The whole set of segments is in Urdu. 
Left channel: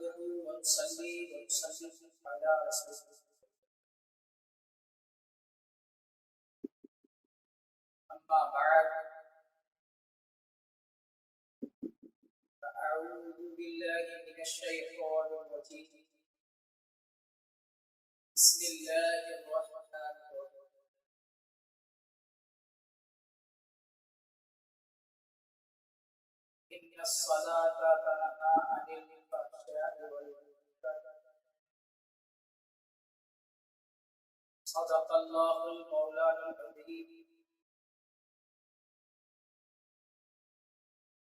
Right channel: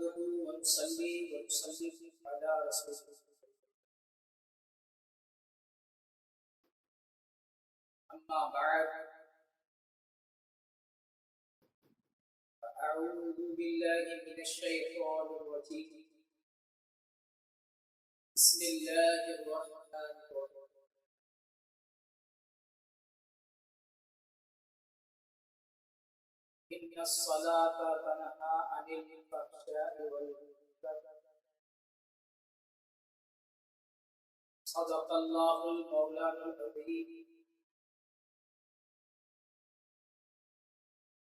نحمده ونصلي ونسلم على رسوله أما بعد فأعوذ بالله من الشيطان الرجيم بسم الله الرحمن الرحيم إن الصلاة تنهى عن الفحشاء والمنكر صدق الله المولانا العظيم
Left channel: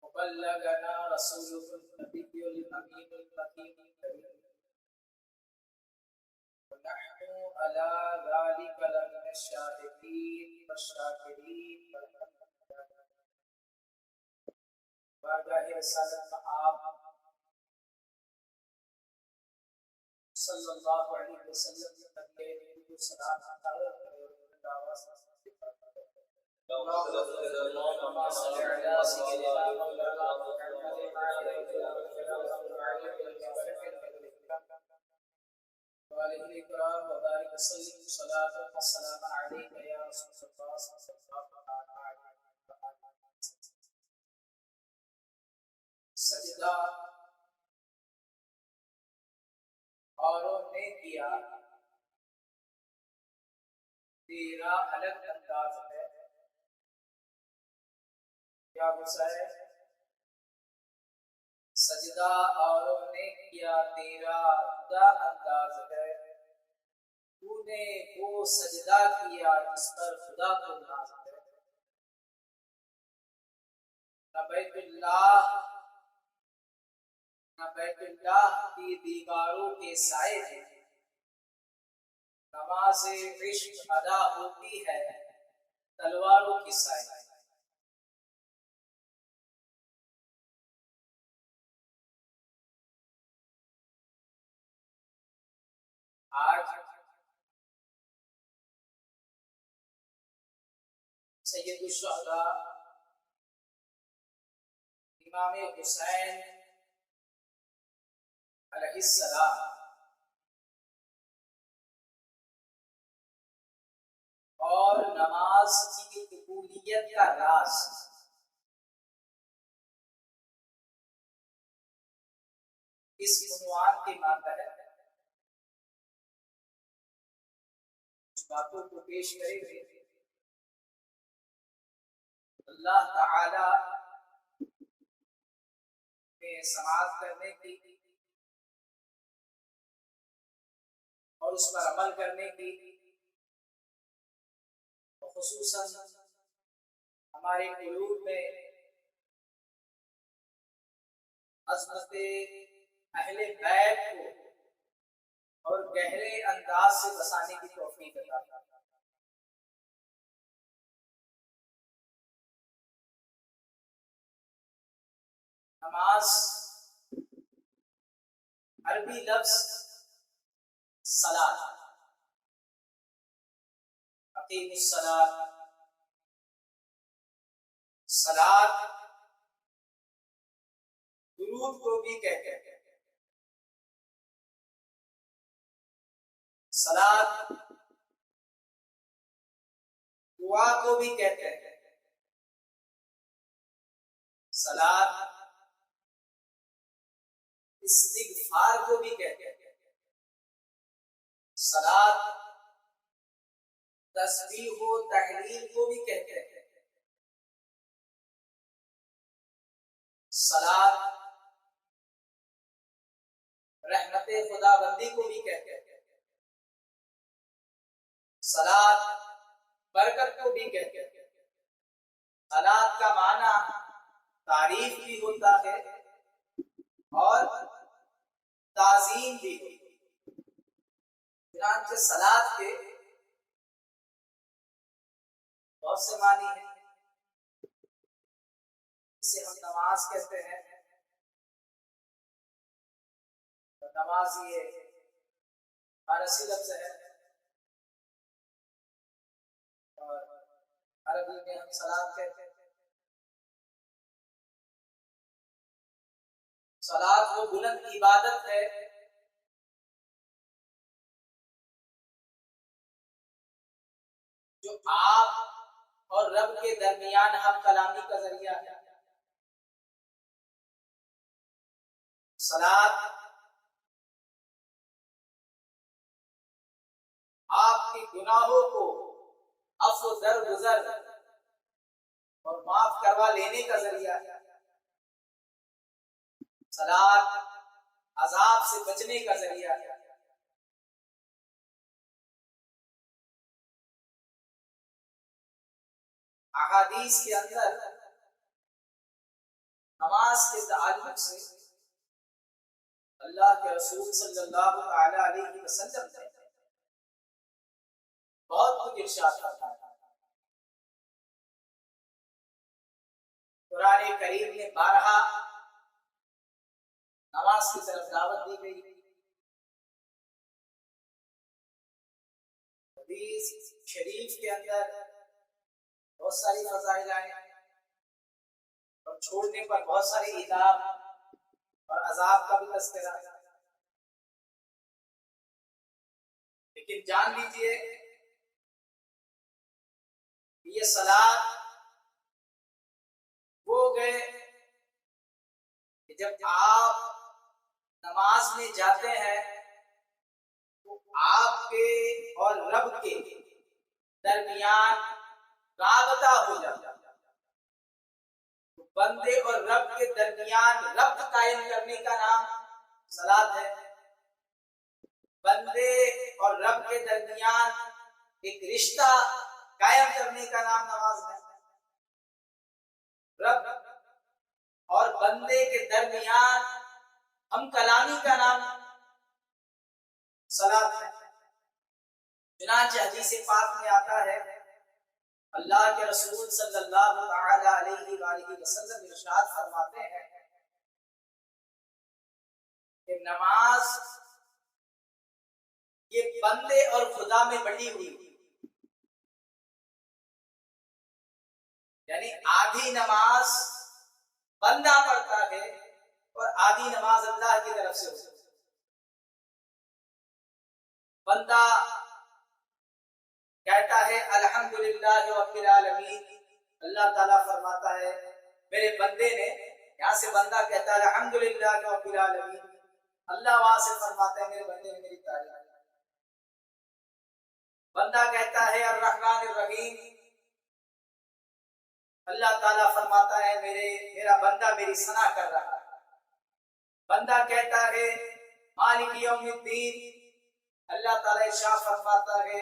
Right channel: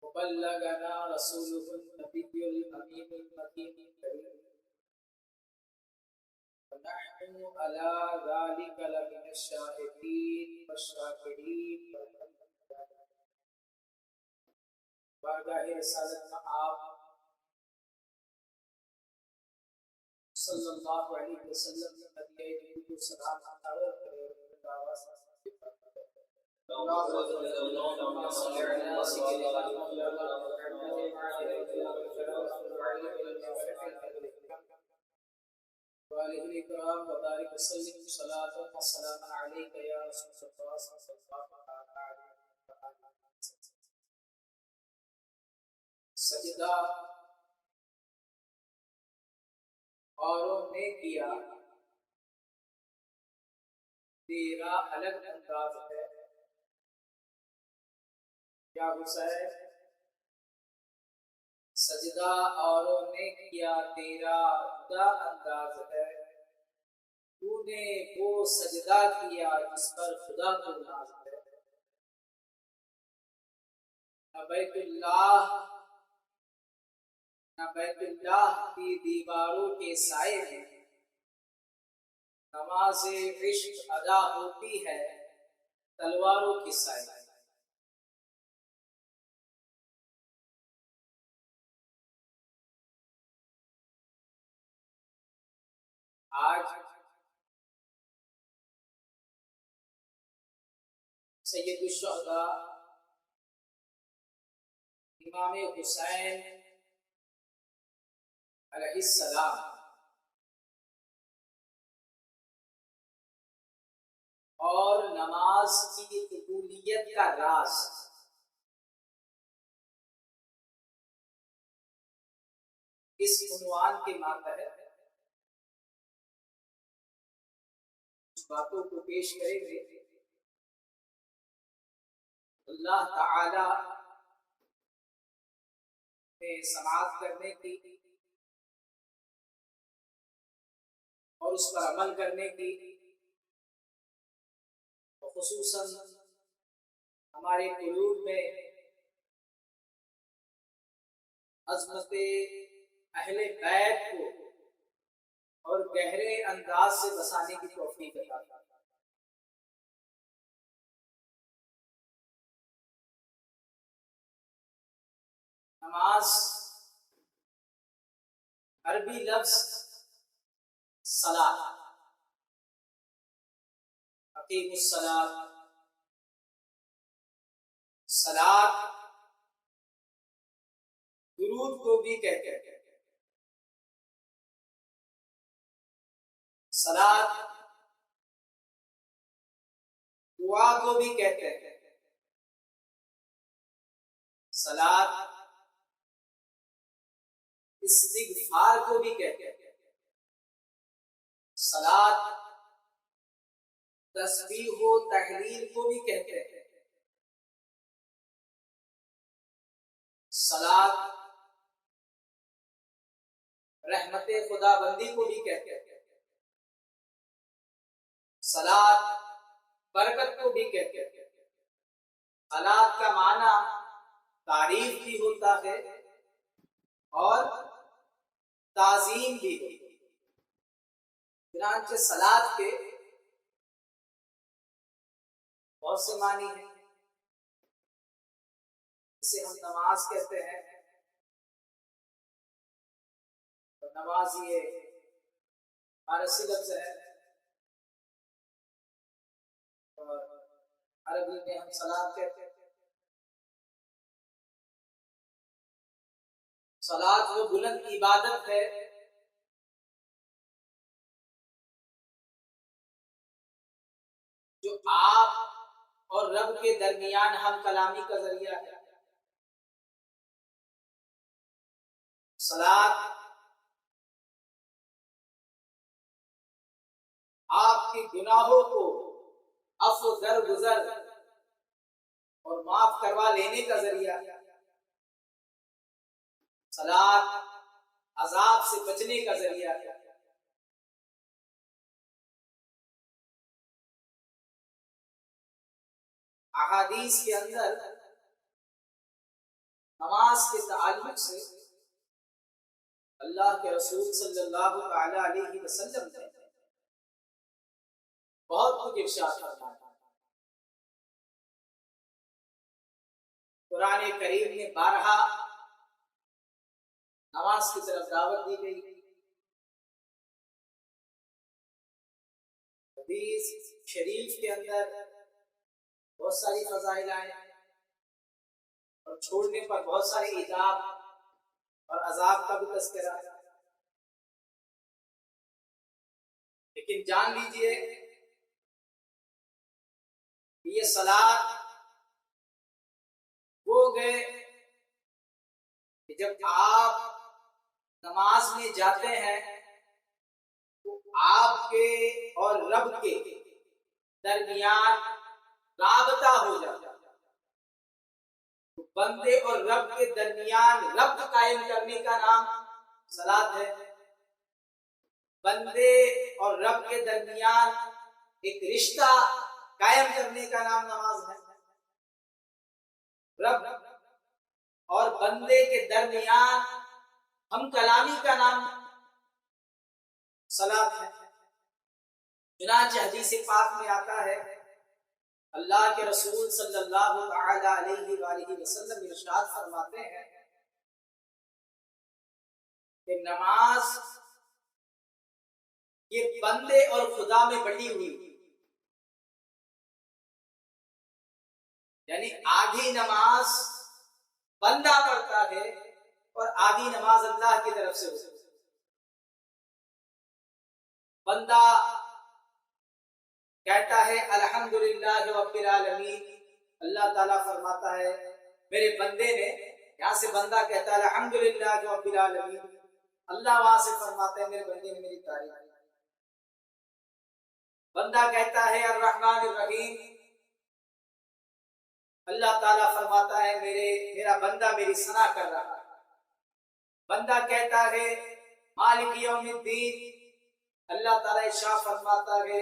وبلغنا رسوله النبي الأمين الحكيم الكريم ونحن على ذلك لمن الشاهدين والشاكرين بارگاہ رسالت میں آپ صلی اللہ علیہ وسلم نے نبی کو سلام عطا کرے اور دعوت اللهم صل على سيدنا مولانا محمد وعلى آله الكرام وبارك وسلم صلاة وسلام عليك يا رسول الله صلى الله عليه وسلم. سجدہ اوروں نے کیا تیرا الگ انداز ہے. کیا غصہ ہے؟ سجدہ اوروں نے کیا تیرا خدا انداز ہے. تو نے وہ سجدہ کیا جس پر خدا کو ناز ہے. نہ بیت اللہ کی دیواروں کے سائے ہیں. نماز عشق ادا ہوتی ہے تلواروں کے سائے. آج سید الشہداء امام حسین علیہ السلام اور نماز کی قبولیت کا راز اس عنوان کے ماتحت کچھ باتوں کو پیش کریں گے. اللہ تعالی نے سماعت کرنے کی اور اس پر عمل کرنے کی خصوصاً ہمارے قلوب میں عظمت اہل بیت کو اور گہرے انداز سے بسانے کی توفیق عطا فرمائے. نماز عربی لفظ صلاۃ اقیم الصلاۃ صلاۃ درود کو بھی کہتے ہیں. صلاۃ دعا کو بھی کہتے ہیں. صلاۃ استغفار کو بھی کہتے ہیں. صلاۃ تسبیح و تحلیل کو بھی کہتے ہیں. صلاۃ رحمت خدا بندی کو بھی کہتے ہیں. صلاۃ برکت کو بھی کہتے ہیں. صلاۃ کا معنی تعریف بھی ہوتا ہے اور تعظیم بھی ہوتی ہے. چنانچہ صلاۃ کے بہت سے معنی ہیں. اسے ہم نماز کہتے ہیں. نماز یہ فارسی لفظ ہے اور عربی میں ہم صلاۃ کہتے ہیں. صلاۃ وہ بلند عبادت ہے جو آپ اور رب کے درمیان ہم کلامی کا ذریعہ ہے. صلاۃ آپ کے گناہوں کو عفو درگزر اور معاف کروا لینے کا ذریعہ ہے. صلاۃ عذاب سے بچنے کا ذریعہ ہے. احادیث کے اندر نماز کے تعلق سے اللہ کے رسول صلی اللہ تعالی علیہ وسلم نے بہت کچھ ارشاد فرمایا. قرآن کریم میں بارہا نماز کی طرف دعوت دی گئی. حدیث شریف کے اندر بہت ساری فضائل آئے اور چھوڑنے پر بہت سارے عذاب اور عذاب کا بھی تذکرہ. لیکن جان لیجئے کہ یہ صلاۃ وہ گئے کہ جب آپ نماز میں جاتے ہیں تو آپ کے اور رب کے درمیان رابطہ ہو جاتا ہے. بندے اور رب کے درمیان ربط قائم کرنے کا نام صلاۃ ہے. بندے اور رب کے درمیان ایک رشتہ قائم کرنے کا نام نماز ہے. رب اور بندے کے درمیان ہم کلامی کا نام صلاۃ ہے. چنانچہ حدیث پاک میں آتا ہے اللہ کے رسول صلی اللہ تعالی علیہ وآلہ وسلم ارشاد فرماتے ہیں کہ نماز یہ بندے اور خدا میں بٹی ہوئی، یعنی آدھی نماز بندہ پڑھتا ہے اور آدھی نماز اللہ کی طرف سے ہوتی ہے. بندہ کہتا ہے الحمدللہ رب العالمین، اللہ تعالیٰ فرماتا ہے میرے بندے نے، یہاں سے بندہ کہتا ہے الحمدللہ رب العالمین، اللہ وہاں سے فرماتا ہے میرے بندے نے میری تعریف. بندہ کہتا ہے الرحمن الرحیم، اللہ تعالیٰ فرماتا ہے میرا بندہ میری ثنا کر رہا ہے. بندہ کہتا ہے مالک یوم الدین، اللہ تعالیٰ ارشاد فرماتا ہے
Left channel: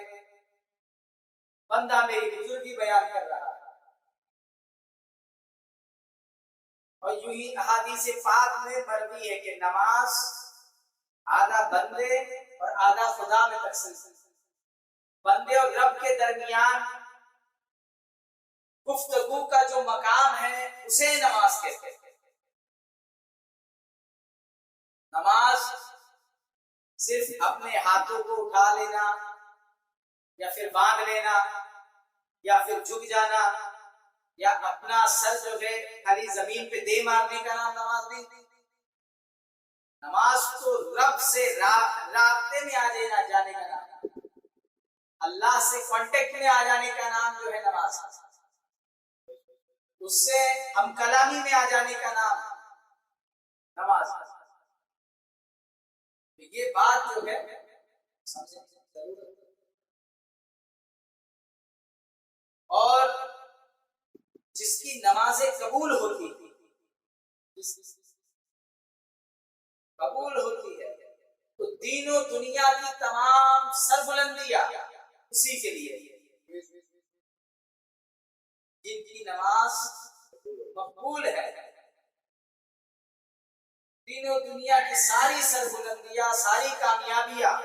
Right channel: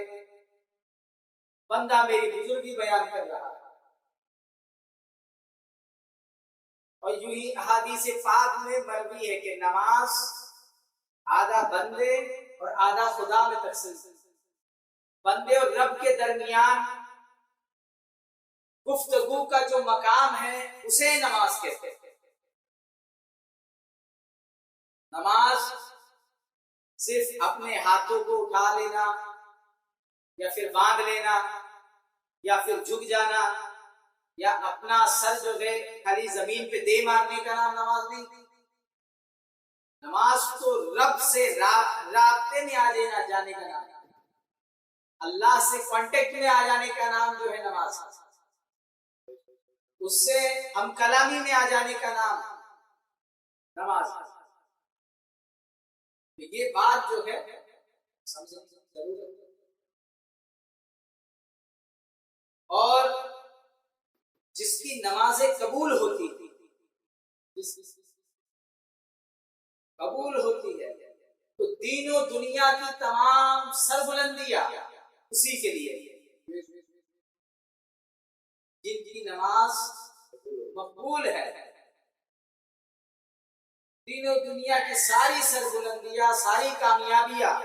بندہ میری بزرگی بیان کر رہا ہے. اور یوں ہی احادیث پاک میں مروی ہے کہ نماز آدھا بندے اور آدھا خدا میں تقسیم ہے. بندے اور رب کے درمیان گفتگو کا جو مقام ہے اسے نماز کہتے ہیں. نماز صرف اپنے ہاتھوں کو اٹھا لینا یا پھر باندھ لینا یا پھر جھک جانا یا اپنا سر جو ہے خالی زمین پہ دے مارنے کا نام نماز نہیں. نماز تو رب سے رابطے میں آ جانے کا نام، اللہ سے کانٹیکٹ میں آ جانے کا نام جو ہے نماز. اس سے ہم کلامی میں آ جانے کا نام نماز. یہ بات جو ہے سمجھنے کی ضرورت ہے. اور جس کی نمازیں قبول ہوتی ہے تو دین و دنیا کی تمام سربلندیاں اسی کے لیے. جن کی نماز مقبول ہے دین و دنیا کی ساری سربلندیاں، ساری کامیابیاں،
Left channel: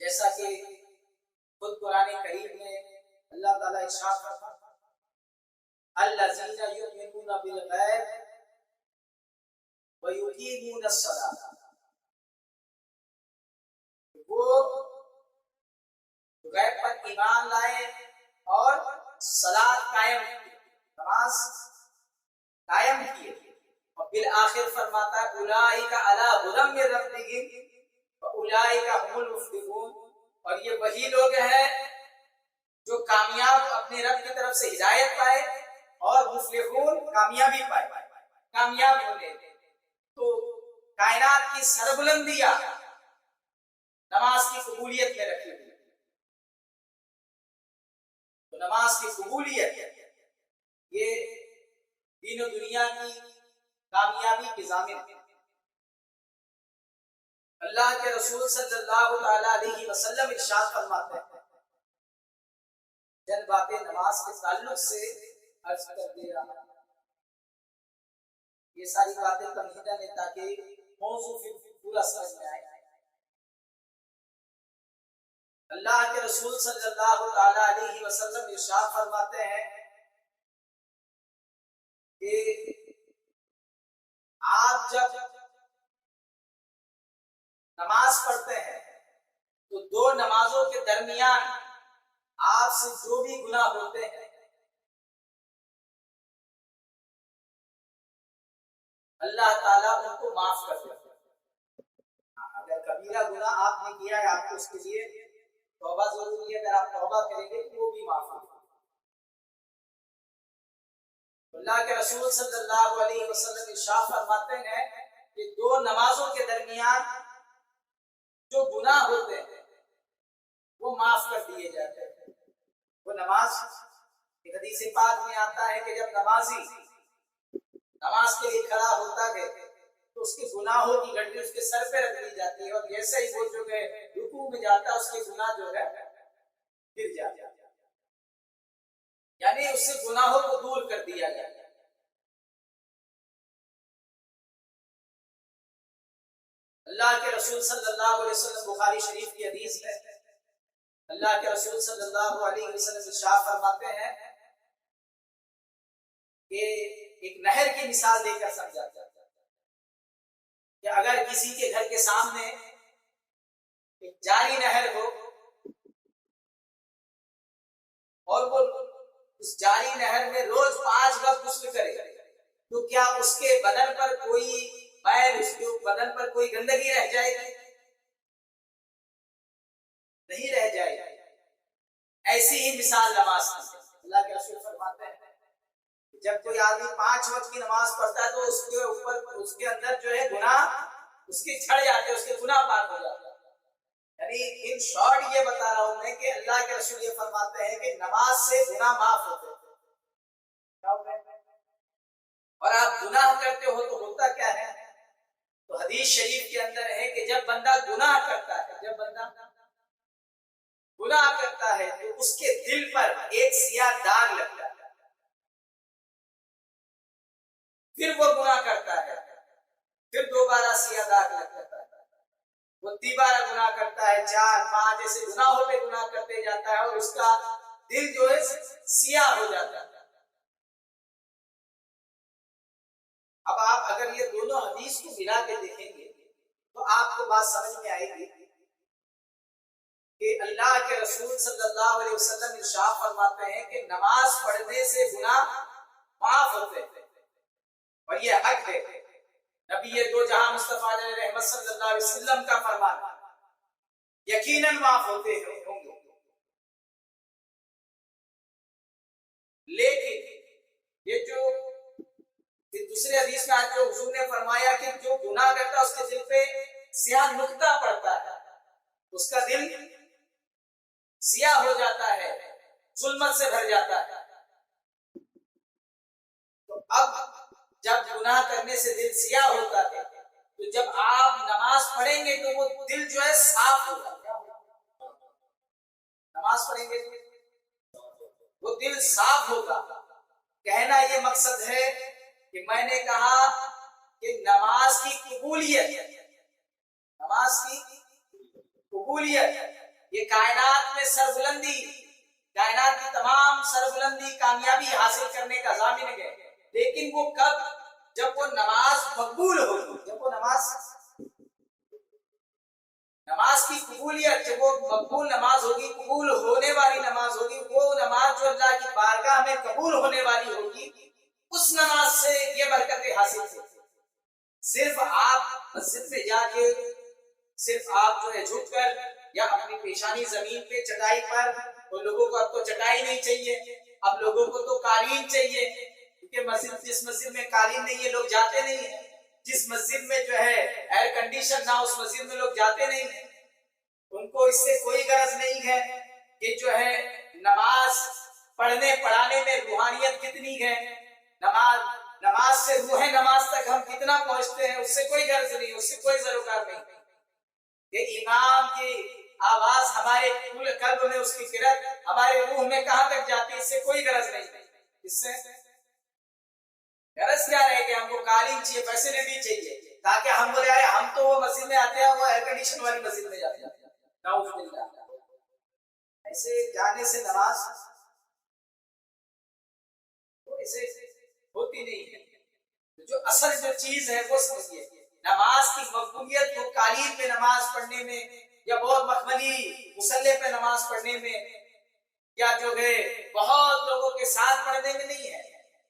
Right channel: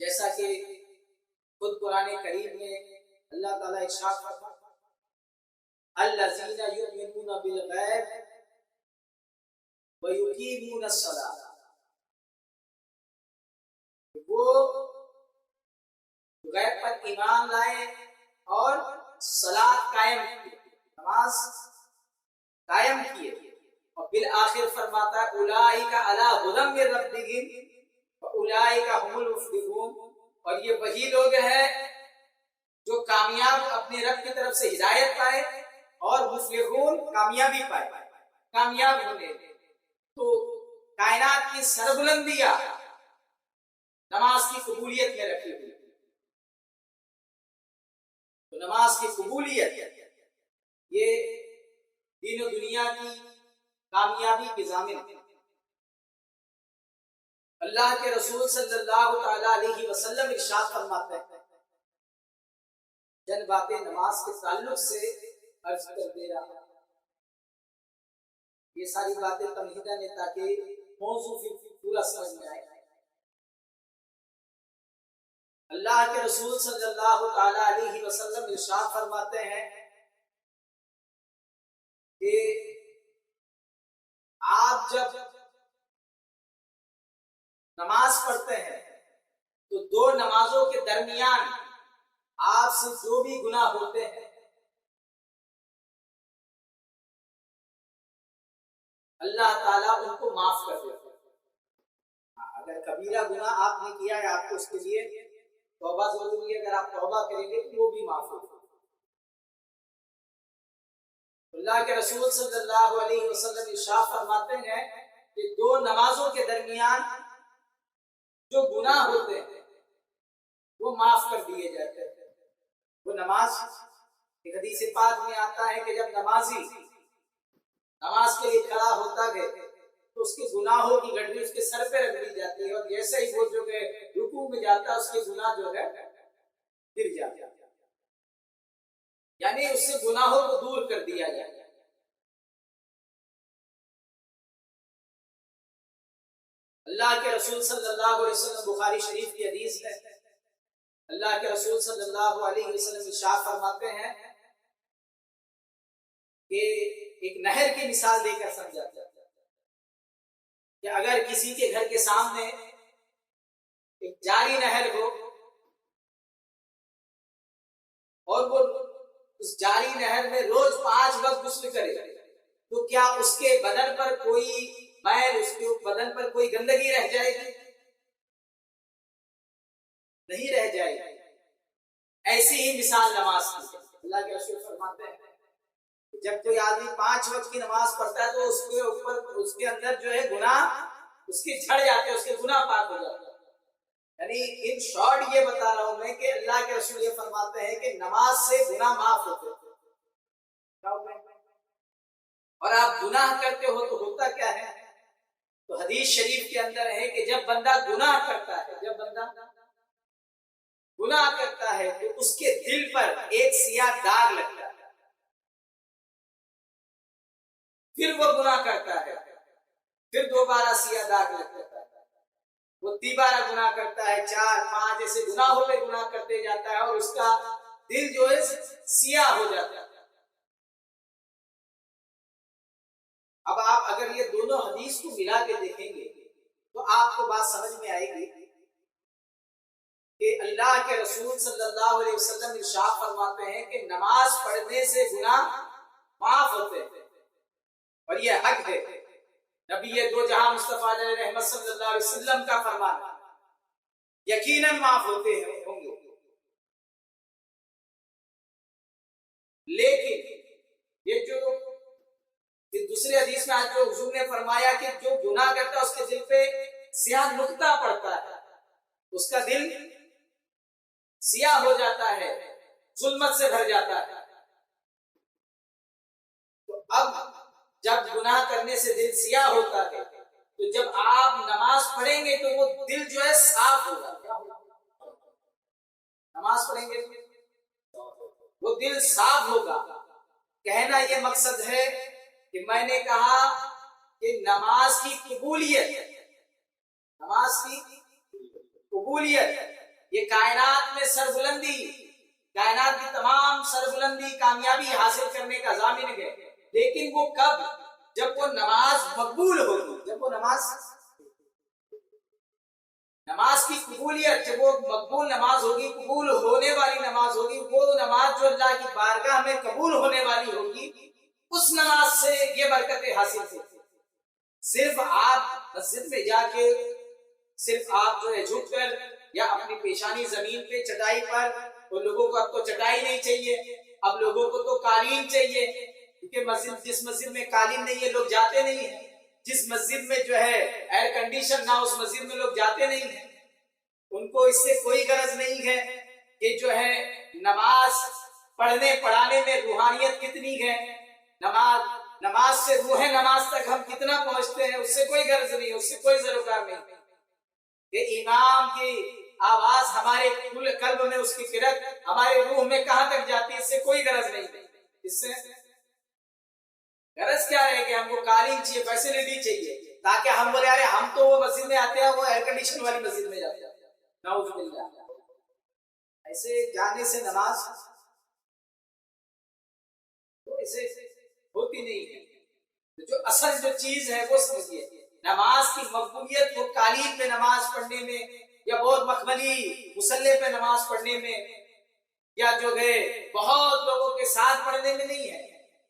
جیسا کہ خود قرآن کریم میں اللہ تعالیٰ ارشاد فرماتا ہے الذین یؤمنون بالغیب ویقیمون الصلاۃ، وہ غیب پر ایمان لائے اور صلاۃ قائم کی، نماز قائم کیے، اور بالآخر فرماتا ہے اولئک علی ھدی من ربہم واولئک ھم المفلحون، اور یہ وہی لوگ ہیں جو کامیاب اپنے رب کی طرف سے ہدایت پائے اور مفلحون کامیابی پائے، کامیاب ہونے۔ تو کائنات کی سربلندیاں نماز کی قبولیت میں رکھی ہوئی، تو نماز کی قبولیت یہ دین و دنیا کی کامیابی کی ضامن ہے۔ اللہ کے رسول صلی اللہ تعالی علیہ وسلم ارشاد فرماتے ہیں، چند باتیں نماز کے تعلق سے عرض کر دے رہا ہوں، یہ ساری باتیں تمہیداً ہیں تاکہ موضوع پورا سمجھ میں آئے۔ اللہ کے رسول صلی اللہ تعالی علیہ وسلم ارشاد فرماتے ہیں کہ آپ جب نماز پڑھتے ہیں تو دو نمازوں کے درمیان آپ سے جو بھی گناہ ہوتے ہیں اللہ تعالیٰ ان کو معاف کر دیتے ہیں۔ اگر کبیرہ گناہ آپ نے کیا ہے، آپ کو اس کے لیے توبہ ضروری ہے، اگر آپ توبہ کریں گے تو وہ بھی معاف ہوگا۔ اللہ کے رسول صلی اللہ علیہ وسلم ارشاد فرماتے ہیں کہ دو نمازوں کے درمیان جو گناہ ہوتے ہیں وہ معاف کر دیے جاتے ہیں۔ وہ نماز، ایک حدیث پاک میں آتا ہے کہ جب نمازی نماز کے لیے کھڑا ہوتا ہے تو اس کے گناہوں کی گھڑی اس کے سر پہ رکھ دی جاتی ہے، اور جیسے ہی وہ جو ہے رکوع میں جاتا ہے اس کے گناہ جو ہے گر جاتے ہیں، یعنی اس سے گناہوں کو دور کر دیا جاتا ہے۔ اللہ کے رسول صلی اللہ علیہ وسلم، بخاری شریف کی حدیث ہے، اللہ کے رسول صلی اللہ علیہ وسلم ارشاد فرماتے ہیں کہ ایک نہر کی مثال دے کر سمجھاتے ہیں کہ اگر کسی کے گھر کے سامنے ایک جاری نہر ہو اور وہ اس جاری نہر میں روز 5 وقت غسل کرے تو کیا اس کے بدن پر کوئی میل، اس کے بدن پر کوئی گندگی رہ جائے گی؟ نہیں رہ جائے گی۔ ایسی ہی مثال نماز کی ہے۔ اللہ کے رسول فرماتے ہیں جب کوئی آدمی 5 وقت کی نماز پڑھتا ہے تو اس کے اوپر، اس کے اندر جو ہے گناہ اس کے جھڑ جاتے ہیں، اس کے گناہ پاک ہو جاتے ہیں۔ یعنی ان شارٹ یہ بتا رہا ہوں میں کہ اللہ کے رسول یہ فرماتے ہیں کہ نماز سے گناہ معاف ہوتے ہیں۔ اور آپ گناہ کرتے ہو تو ہوتا کیا ہے؟ تو حدیث شریف کے اندر ہے کہ جب بندہ گناہ کرتا ہے، جب بندہ گناہ کرتا ہے تو اس کے دل پر ایک سیاہ داغ لگتا ہے، پھر وہ گناہ کرتا ہے، پھر دوبارہ سیاہ داغ لگتا ہے، وہ دوبارہ گناہ کرتا ہے، 4 5 ایسے گناہوں پہ گناہ کرتے جاتا ہے اور اس کا دل جو ہے سیاہ ہو جاتا ہے۔ اب آپ اگر یہ دونوں حدیث کو ملا کے دیکھیں گے تو آپ کو بات سمجھ میں آئے گی کہ اللہ کے رسول صلی اللہ علیہ وسلم ارشاد فرماتے ہیں کہ نماز پڑھنے سے گناہ معاف ہوتے ہیں، اور یہ حق ہے، نبی دو جہاں مصطفیٰ علیہ رحمت صلی اللہ علیہ وسلم کا فرمان ہے، یقیناً معاف ہوتے ہوں گے۔ لیکن یہ جو دوسرے حدیث میں آج جو حضور نے فرمایا کہ جو گناہ کرتا ہے اس کے دل پہ سیاہ نقطہ پڑتا ہے، اس کا دل سیاہ ہو جاتا ہے، ظلمت سے بھر جاتا ہے۔ تو اب جب گناہ کرنے سے دل سیاہ ہوتا ہے تو جب آپ نماز پڑھیں گے تو وہ دل جو ہے صاف ہوگا۔ نماز پڑھیں گے تو وہ دل صاف ہوگا۔ کہنا یہ مقصد ہے کہ میں نے کہا کہ نماز کی قبولیت، نماز کی قبولیت یہ کائنات میں سربلندی، کائنات کی تمام سربلندی کامیابی حاصل کرنے کا ضامن ہے، لیکن وہ کب؟ جب وہ نماز مقبول ہوگی، جب وہ نماز کی قبولیت، جب وہ مقبول نماز ہوگی، قبول ہونے والی نماز ہوگی، وہ نماز جو اللہ کی بارگاہ میں قبول ہونے والی ہوگی، اس نماز سے یہ برکتیں حاصل تھی. صرف آپ مسجد میں جا کے صرف آپ جو ہے جھک کر یا اپنی پیشانی زمین پہ چٹائی پر، تو لوگوں کو اب تو چٹائی نہیں چاہیے، اب لوگوں کو تو قالین چاہیے، کیونکہ جس مسجد میں قالین نہیں ہے لوگ جاتے نہیں ہیں، جس مسجد میں جو ہے ایئر کنڈیشن نہ اس مسجد میں لوگ جاتے نہیں ہیں. ان کو اس سے کوئی غرض نہیں ہے کہ جو ہے نماز پڑھنے پڑھانے میں روحانیت کتنی ہے، نماز سے روح نماز تک ہم کتنا پہنچتے ہیں، اس سے کوئی غرض نہیں، اس سے کوئی ضرورت نہیں. کہ امام کی آواز ہمارے قلب میں، اس کی قرت ہمارے روح میں کہاں تک جاتی ہے، اس سے کوئی غرض نہیں. اس سے غرض کیا ہے کہ ہم کو قالین چاہیے، فیسلٹی چاہیے، تاکہ ہم بولے ارے ہم تو وہ مسجد میں آتے ہیں، وہ ایئر کنڈیشن والی مسجد میں جاتے ہیں. نعوذ باللہ. ایسے جانے سے نماز ایسے ہوتی نہیں ہے. جو اصل جو چیز ہے وہ سمجھیے. نماز کی مقبولیت کو قالین پہ نماز پڑھنے میں یا بہت مخملی مصلی پہ نماز پڑھنے میں یا جو ہے بہت لوگوں کے ساتھ پڑھنے میں نہیں ہے.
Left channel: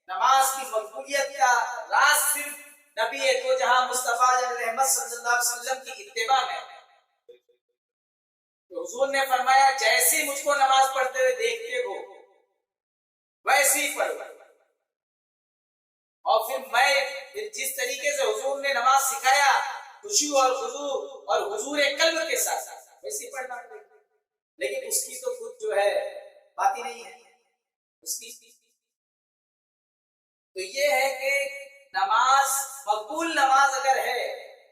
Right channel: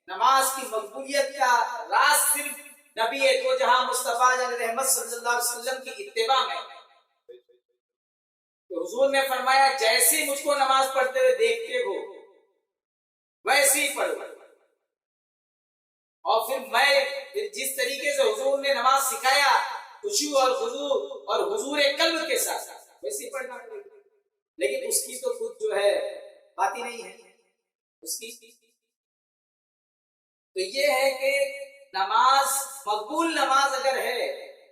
نماز کی مقبولیت کا راز صرف نبی دو جہاں مصطفیٰ رحمت صلی اللہ علیہ وسلم کی اتباع میں. تو حضور نے فرمایا جیسی مجھ کو نماز پڑھتے ہوئے دیکھتے ہو ویسی ہی پڑھو. اور پھر میں جس طریقے سے حضور نے نماز سکھایا خشوع اور خضوع اور حضور قلب کے ساتھ ویسی پڑھنا. لیکن اس کی تو خود جو ہے بات ہی نہیں ہے اس کی. تو یہ ہے کہ نماز مقبول نماز اگر ہے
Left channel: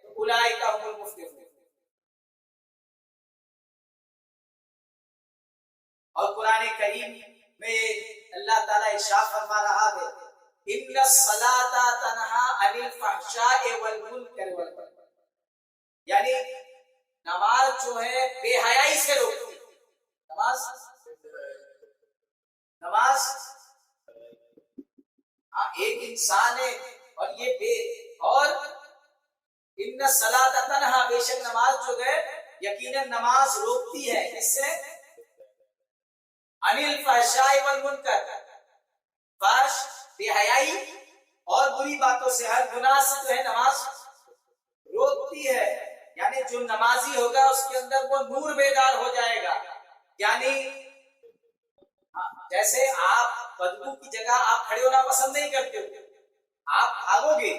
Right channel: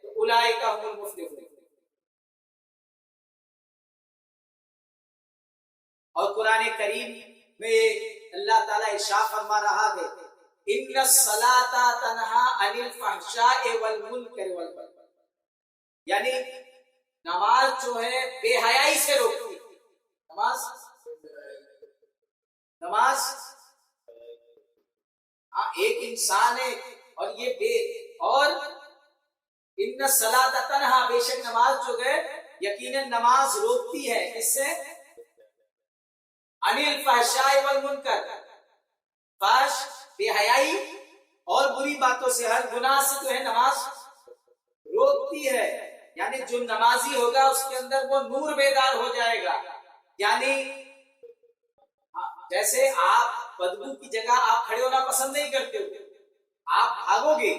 تو اولئک هم المفلحون. اور قرآن کریم میں اللہ تعالیٰ ارشاد فرما رہا ہے ان الصلاۃ تنہی عن الفحشاء والمنکر والبغی. یعنی نماز جو ہے بے حیائی سے روکتی ہے. نماز ایک انسان ہے اور یہ اور ان الصلاۃ تنہی، بے شک نماز جو ہے یقیناً نماز روکتی ہے اس سے عن الفحشاء والمنکر، فحش بے حیائی اور بری باتوں سے، ہر گناہ سے جو ہے نماز روکتی ہے. یعنی جو نمازی ہوگا اس کے اندر وہ نور بیدار ہو جائے گا. یعنی جیسے آپ بدبو کی جگہ آپ کھڑے ہونا پسند نہیں کرتے ہو، آپ بھاگو گے،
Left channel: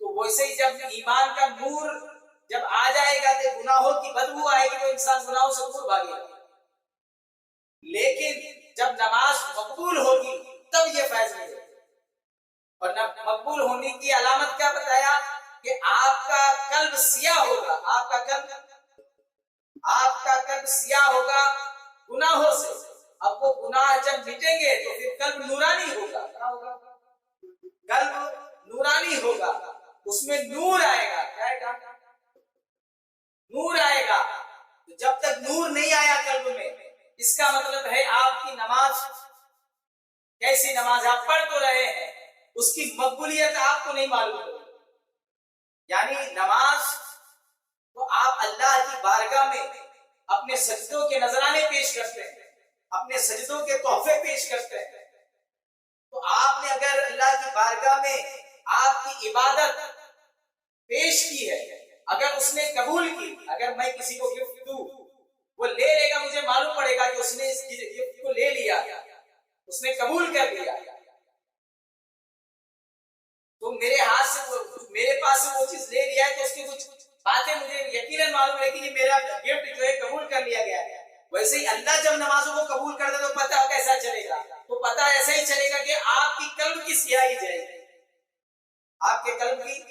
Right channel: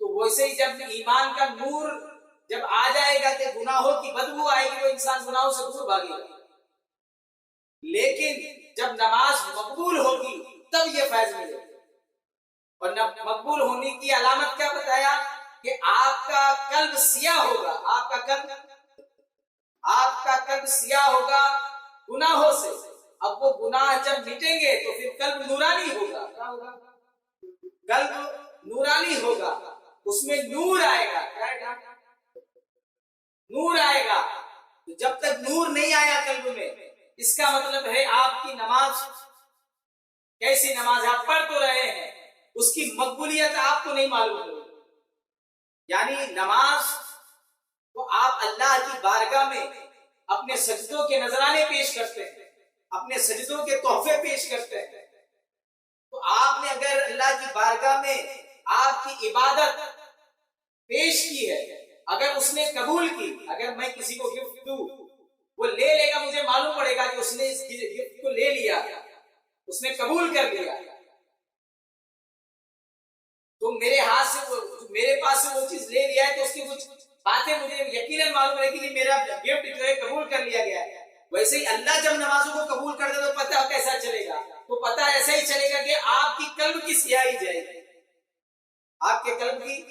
تو ویسے ہی جب ایمان کا نور جب آ جائے گا تو گناہوں کی بدبو آئے گی، وہ انسان گناہوں سے دور بھاگے گا. لیکن جب نماز مقبول ہوگی تب یہ فیض ملے گا. اور مقبول ہونے کی علامت کیا بتایا کہ آپ کا قلب سیاہ ہوگا. آپ کا قلب سیاہ ہوگا گناہوں سے. اب وہ گناہ جب مٹیں گے تو پھر قلب نورانی ہوگا. کیا ہوگا؟ قلب نورانی ہوگا، اس میں نور آئے گا. کیا آئے گا؟ نور آئے گا. جب تک نور نہیں آیا قلب میں، اس کا مطلب ہے آپ کی نماز کیسی نماز ہے. آپ پڑھ تو رہے ہیں، اس کی مقبولیت آپ کو نہیں معلوم ہوگی. یعنی نماز تو آپ اللہ کی بارگاہ میں اپنے سجدوں کے نذرانے پیش کرتے ہیں، اپنے سجدوں کے تحفے پیش کرتے ہیں. تو آپ نے اگر اللہ کی بارگاہ میں آپ کی عبادت پیش کی ہے، اگر اس نے قبول کی، اگر میں کسی کو گفٹ دوں وہ لے لے گا، مجھے معلوم پڑے گا کہ اس نے اس گفٹ کو لے لیا، اس نے قبول کر لیا. تو میرے ہاتھ سے میرے پاس سے وہ چیز لے لیا ہے تو اس کی کچھ باتیں مجھے یقیناً معلوم ہے کہ یہ میرا گفٹ جو ہے قبول کر لیا گیا ہے. ویسے ہی اللہ جب نمازوں کو قبول کر دے تو پتہ کیسا چلے گا؟ تو پتہ ایسا ہی چلے گا کہ آپ کی قلب کی سیاہی جائے گی، آپ کے قلب کی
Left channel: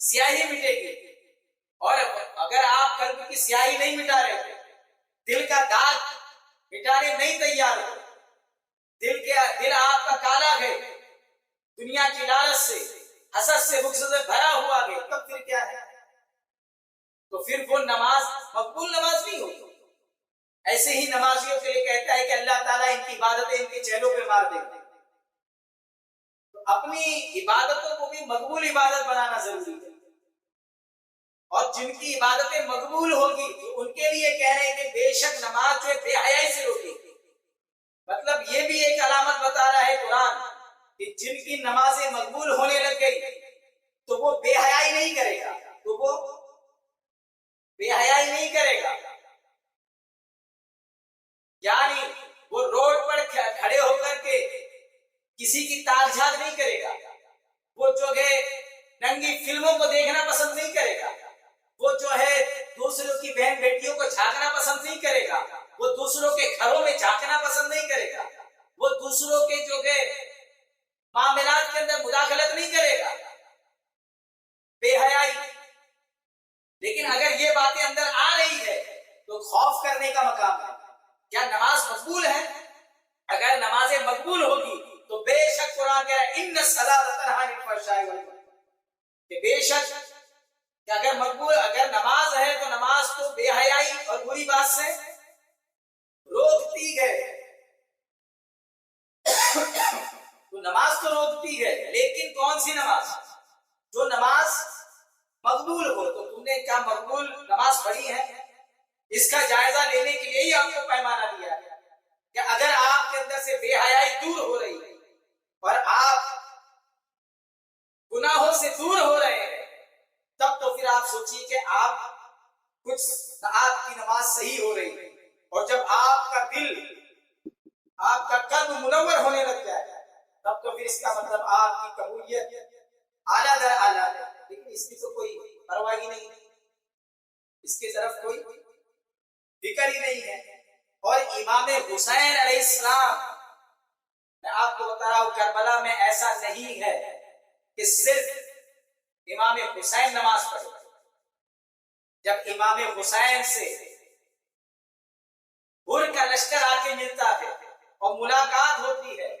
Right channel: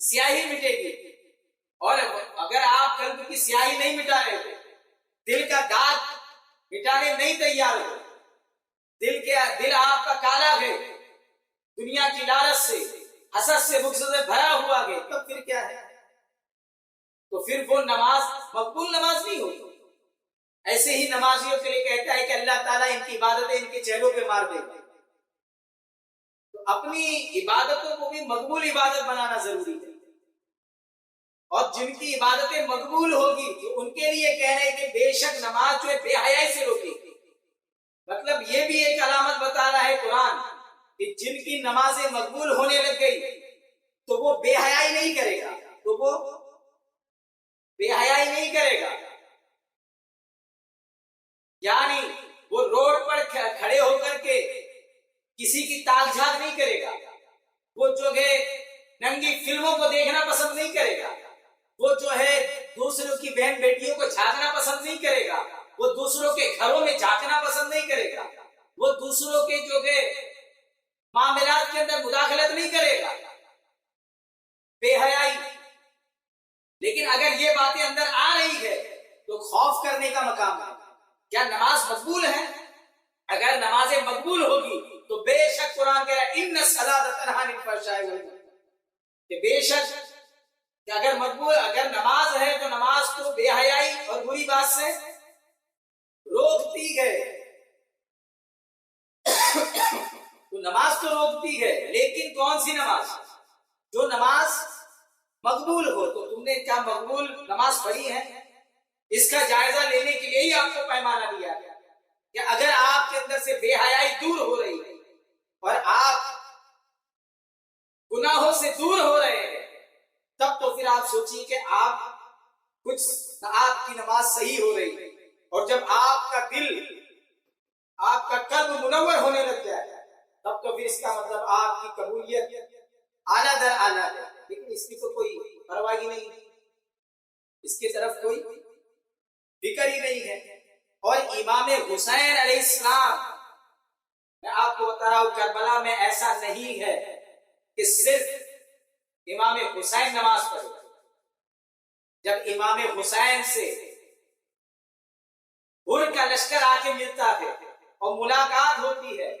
سیاہی مٹے گی. اور اگر آپ قلب کی سیاہی نہیں مٹا رہے، دل کا داغ مٹانے نہیں تیار ہو، دل آپ کا کالا ہے دنیا کی لالچ سے، حسد سے، بغض سے بھرا ہوا ہے، تب پھر کیا ہے؟ تو پھر وہ نماز مقبول نماز نہیں ہوگی. ایسے ہی نمازیوں کے لیے کہتا ہے کہ اللہ تعالیٰ ان کی عبادتیں ان کے چہروں پہ مار دے گا. تو اپنی عبادتوں کو بھی مقبول عبادت بنانا ضروری ہے. اور جن کی عبادتیں مقبول ہوگی تو ان کے لیے کہہ رہے ہیں کہ بے شک نماز جو ہے بے حیائی سے روکے گی. مطلب یہ بھی ایک علامت بتا رہا ہے قرآن کہ جن کی نمازیں مقبول ہونے لگ گئی تو وہ بے حیائی نہیں کرے گا، تو وہ بے حیائی نہیں کرے گا، یعنی وہ روڈ پر کھڑے ہو کر کے کسی کی تاک جھانک نہیں کرے گا، وہ جو ہے ننگی فلموں کو دیکھنا پسند نہیں کرے گا، وہ جو ہے دوسروں کی بہن بیٹیوں کو جھانکنا پسند نہیں کرے گا، وہ دوسروں کے گھروں میں جھانکنا پسند نہیں کرے گا، وہ دوسروں کے جو ہے معاملات کے اندر مداخلت نہیں کرے گا، بے حیائی۔ لیکن اگر یہ باتیں اندر آ رہی ہے تو خوف کرنے کا مقام ہے، کیا نماز مقبول ہے؟ اگر نمازیں مقبول ہوگی تو بے شک قرآن کہہ رہا ہے ان الصلاۃ تنہی عن الفحشاء والمنکر، کہ بے شک کہ اگر نماز ہے تو نماز کو بے حیائی اور بری بات سے روکتی ہے، تو نماز تو روکتی ہے، لیکن کون سی نماز؟ جو نماز مقبول ہو۔ تو تم نے کیا مقبول نماز پڑھی ہے؟ اس کا جائزہ لینے کے لیے ہی آپ کو پیمانہ دیا ہے کہ اگر آپ کے اندر سے بے حیائی دور ہو رہی ہے اور آپ گناہوں سے دور ہو رہے ہیں، تب تو پھر آپ سوچیے کہ آپ کی نماز صحیح ہو رہی ہے، اور جب آپ کا دل، آپ کا قلب منور ہونے لگ جائے تب تو پھر اس کا مطلب آپ کی قبولیت اعلیٰ در اعلیٰ ہے۔ لیکن اس کی تو کوئی پرواہ ہی نہیں، اس کی طرف کوئی فکر ہی نہیں ہے۔ اور امام حسین علیہ السلام، میں آپ کو بتا رہا ہوں کربلا میں ایسا نہیں ہے کہ صرف امام حسین نماز پڑھے، جب امام حسین سے ہر کا لشکر آ کے ملتا ہے اور ملاقات ہوتی ہے،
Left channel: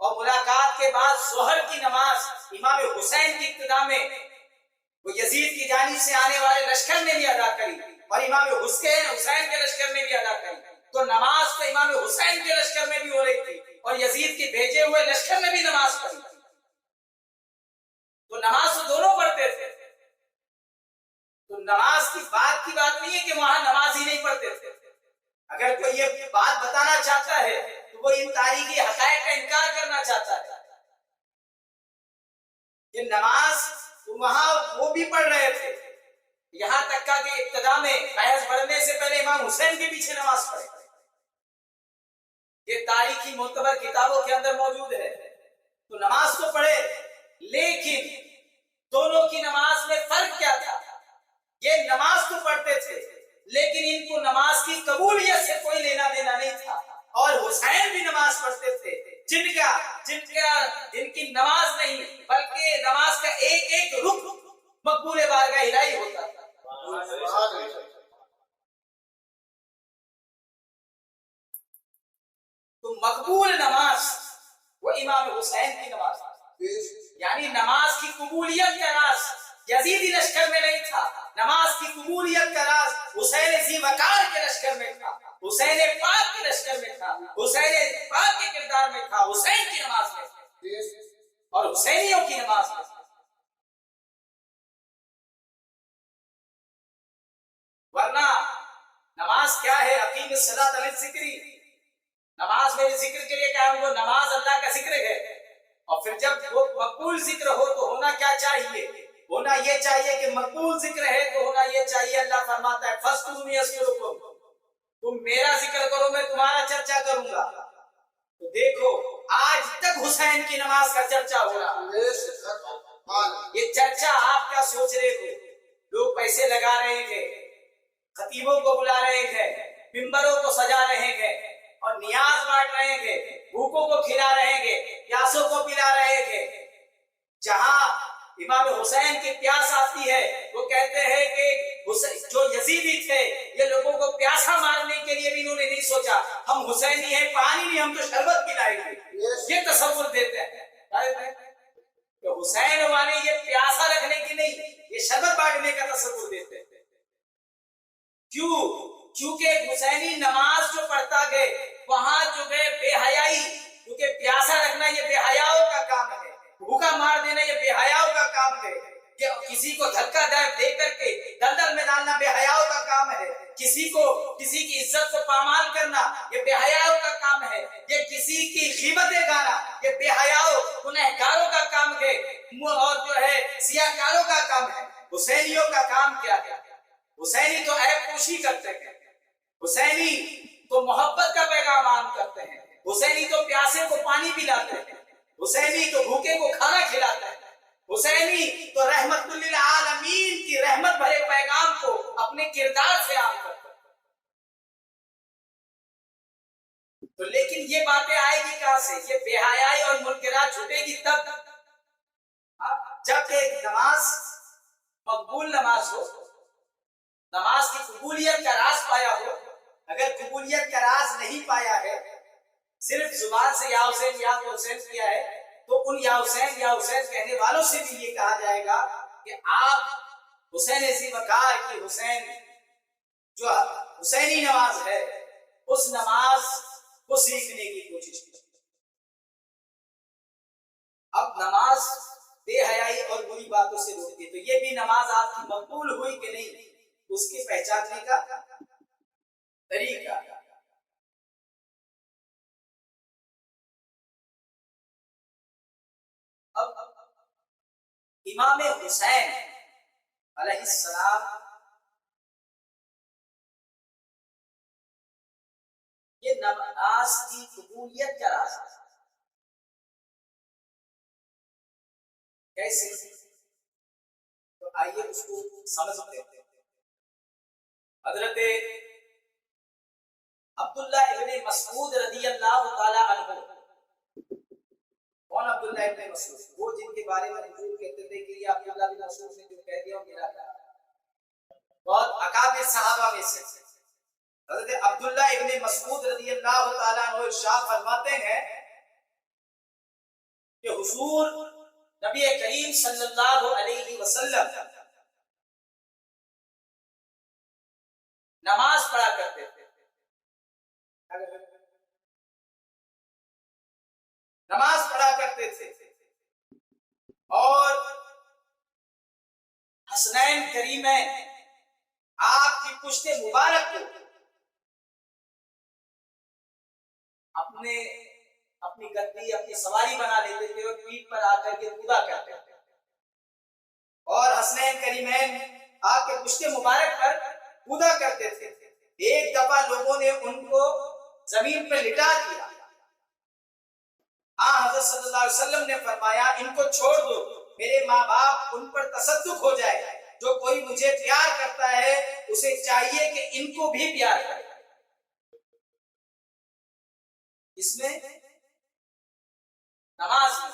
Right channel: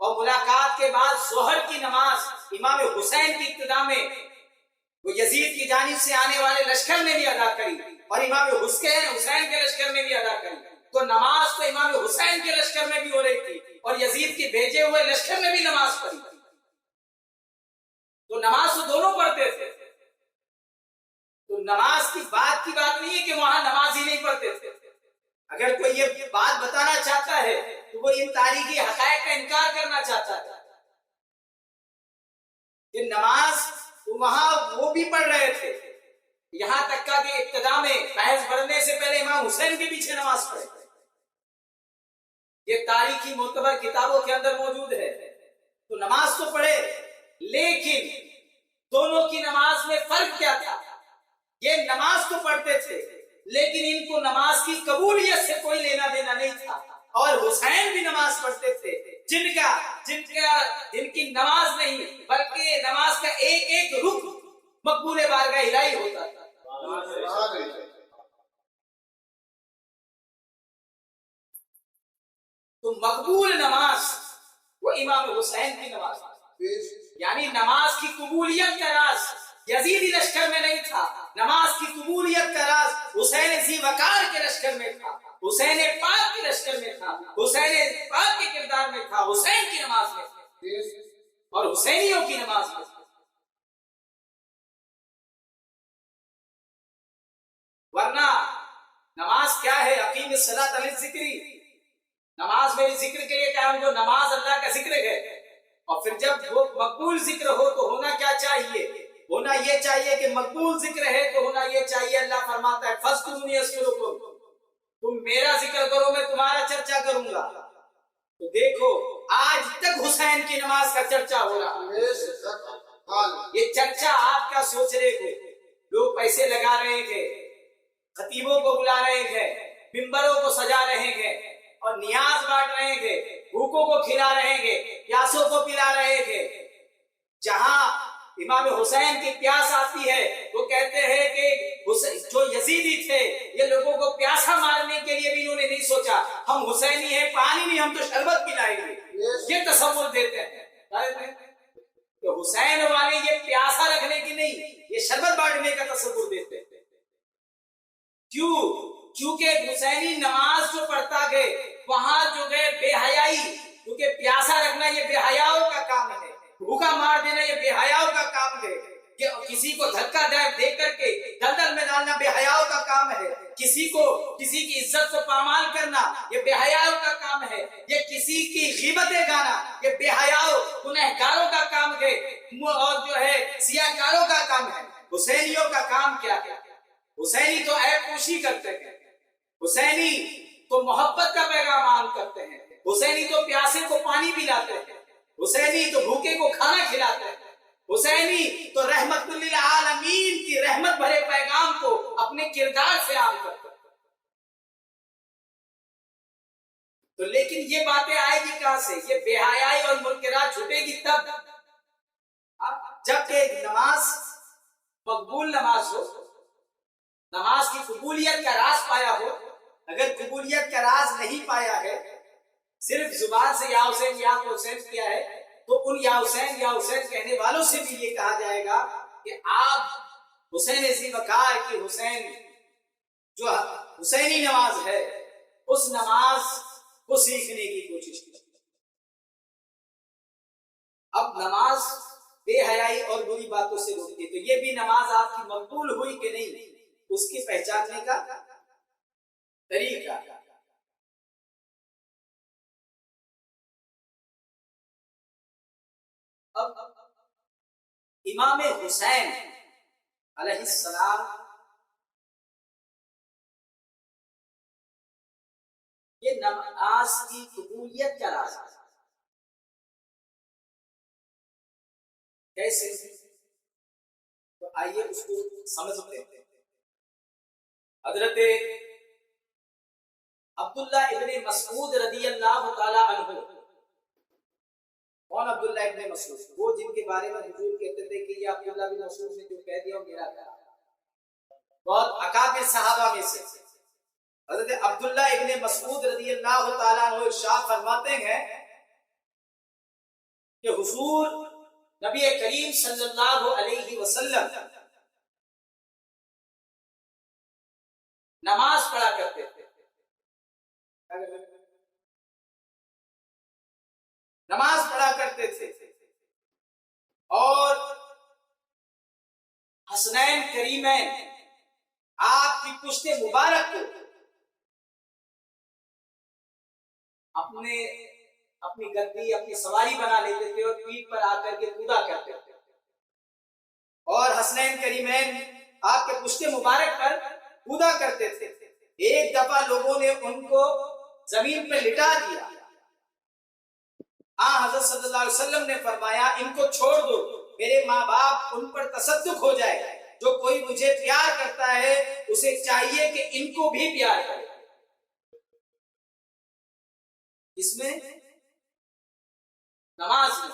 اور ملاقات کے بعد ظہر کی نماز امام حسین کی ابتدا میں وہ یزید کی جانب سے آنے والے لشکر نے بھی ادا کری اور امام حسین کے لشکر نے بھی ادا کری، تو نماز تو امام حسین کے لشکر میں بھی ہو رہی تھی اور یزید کے بھیجے ہوئے لشکر نے بھی نماز پڑھی، تو نماز تو دونوں پڑھتے تھے۔ تو نماز کی بات نہیں ہے کہ وہاں نماز ہی نہیں پڑھتے تھے۔ اگر کوئی یہ بات بتانا چاہتا ہے تو وہ ان تاریخی حقائق کا انکار کرنا چاہتا ہے کہ نماز وہاں وہ بھی پڑھ رہے تھے، یہاں تک کہ ابتدا میں بحث بڑھنے سے پہلے امام حسین کے پیچھے نماز پڑھے، یہ تاریخی معتبر کتابوں کے اندر موجود ہے۔ تو نماز تو پڑھے، لیکن دونوں کی نماز میں فرق کیا تھا؟ یہ نماز تو پڑھتے تھے لیکن ان کو نماز کی قبولیت سے کوئی لینا دینا نہیں تھا، اور حسین بھی نماز پڑھتے تھے جن کی نماز نہیں بلکہ نماز کا ایک ایک رکن مقبول بارگاہ الہی ہوتا تھا۔ تو مقبول نماز وہ امام حسین کی نماز، یعنی نماز کی قبولیت کا راز یزیدی لشکر میں نہیں تھا، نماز کی قبولیت کا راز حسین ذی وقار کے لشکر میں تھا، حسین پاک کے لشکر میں تھا، حسین پاک کے کردار میں تھا، حسین کی نماز میں اور حسینیوں کی نماز میں۔ ورنہ نماز کیا ہے؟ اقیم الصلاۃ للذکری، نماز میرے ذکر کے لیے کیا ہے؟ وہ نماز اللہ کا ذکر ہے، اور پھر جب وہ مقبول ذکر ہو تو ہونا کیا چاہیے؟ ہونا یہ چاہیے کہ مقبول ذکر ہے تو ہونا یہ چاہیے، اللہ فرماتا ہے فَاذْكُرُونِی أَذْكُرْكُمْ، تم میرا ذکر کرو میں تمہارا چرچا کروں گا۔ تو دیکھو آج تک حسین کی نماز کا چرچا ہو رہا، یہ چرچا آپ کیا سوچ رہے ہو؟ لوگ پیسے لگا رہے ہیں، خطیبوں کو بلا رہے ہیں، ممبروں کو سجا رہے ہیں اور نیاز بانٹ رہے ہیں، بھوکوں کو کھلا رہے ہیں، پیاسوں کو پلا رہے ہیں۔ جہاں امام حسین کی پیاس آتی ہے وہ کہتے ہیں کہ جو یزیدی تھے یہ لوگوں کو پیاسا مارنے کے لیے بھی انہوں نے نہیں سوچا، ہم حسینی ہیں پانی نہیں ہم تو شربت پلائیں گے، یہ تصور دیتے ہیں کہ حسین والے یہ پیاسا رکھنے کی نہیں، یہ شربت بانٹنے کا تصور دیتے ہیں۔ کیوں؟ کیونکہ حسینی نماز جو پڑھتا گئے وہاں جو گئے بے حیائی، کیونکہ پیاسا رکھنا یہ بے حیاؤں کا کام ہے، بھوکا مار دینا یہ بے حیاؤں کا کام ہے، کہ کسی کو دھکا دے کر کے دلدل میں ڈالنا بے حیاؤں کا کام ہے، کسی کی عزت کو پامال کرنا یہ بے حیاؤں کا کام ہے، یہ کسی کی غیبتیں گانا یہ بے حیاؤں گنہگاروں کا کام ہے، اور جو ہے سیاہکاروں کا کام ہے۔ حسینیوں کا کام کیا ہے؟ حسینی تو عیب پوشی کرتے ہیں، حسینی تو محبت کا پیغام عام کرتے ہیں، حسینی تو پیاسے کو پانی پلاتے ہیں، حسینی تو بھوکے کو کھانا کھلاتے ہیں، حسینی تو رحمت للعالمین کی رحمت بھرے پیغام کو اپنے کردار سے عام کرتے ہیں۔ تو لیکن یہ باتیں آئے گی کہاں سے؟ یہ بے حیائی اور منکرات چھٹے گی تب جب ایک نماز مقبول نماز ہو، نماز کی قبولیت کا راز پایا ہو۔ اگر قبولیت کا راز نہیں پایا ہے، صرف زبان سے یا حسین یا حسین کیا ہے، تو ان یا حسین کہنے والوں سے بھی یہ کہا جائے گا کہ آپ حسین ایسی وقار کی حسین جو حسینی نماز ہے اس نماز کو سیکھنے کی کوشش کی۔ اب نماز بے حیائی اور بری باتوں سے روکتی ہے، تو یہ بھی نماز آپ کی مقبول ہوئی کہ نہیں اس کی پہچاننے کا طریقہ۔ اب امام حسین علیہ السلام یہ نماز کی قبولیت کا راز ہے۔ کیسے؟ تو آئیے اس کو سمجھتے ہیں۔ حضرت عبداللہ ابن مسعود رضی اللہ تعالی عنہ، کون عبداللہ ابن مسعود؟ وہ جن کے بارے میں حضور کہتے تھے کہ یہ عبداللہ بن مسعود نے جو کہہ دیا وہ میرا کہا، بہت اکابر صحابہ میں سے حضرت عبداللہ ابن مسعود رضی اللہ تعالیٰ عنہ ارشاد فرماتے ہیں کہ حضور نبی کریم صلی اللہ علیہ وسلم نماز پڑھا کرتے تھے، نماز پڑھا کرتے تھے، اور حسنین کریمین آپ کی پشت مبارک کو اپنی گدی اپنی سواری بنا لیتے تھے اور پیٹھ پر آ کر کے کودا کرتے تھے، اور حسنین کریمین آپ کے پشت مبارک پر کودا کرتے تھے۔ ایک دفعہ لوگوں نے ان کو زمین پر لٹا دیا، حضرت صلی اللہ علیہ وسلم نے فرمایا ان کو چھوڑ دو، میرے ماں باپ ان پر تصدق ہو جائے، جو کوئی مجھے پیار کرتا ہے اسے چاہیے کہ ان کو بھی پیار کرے۔ اس میں نماز میں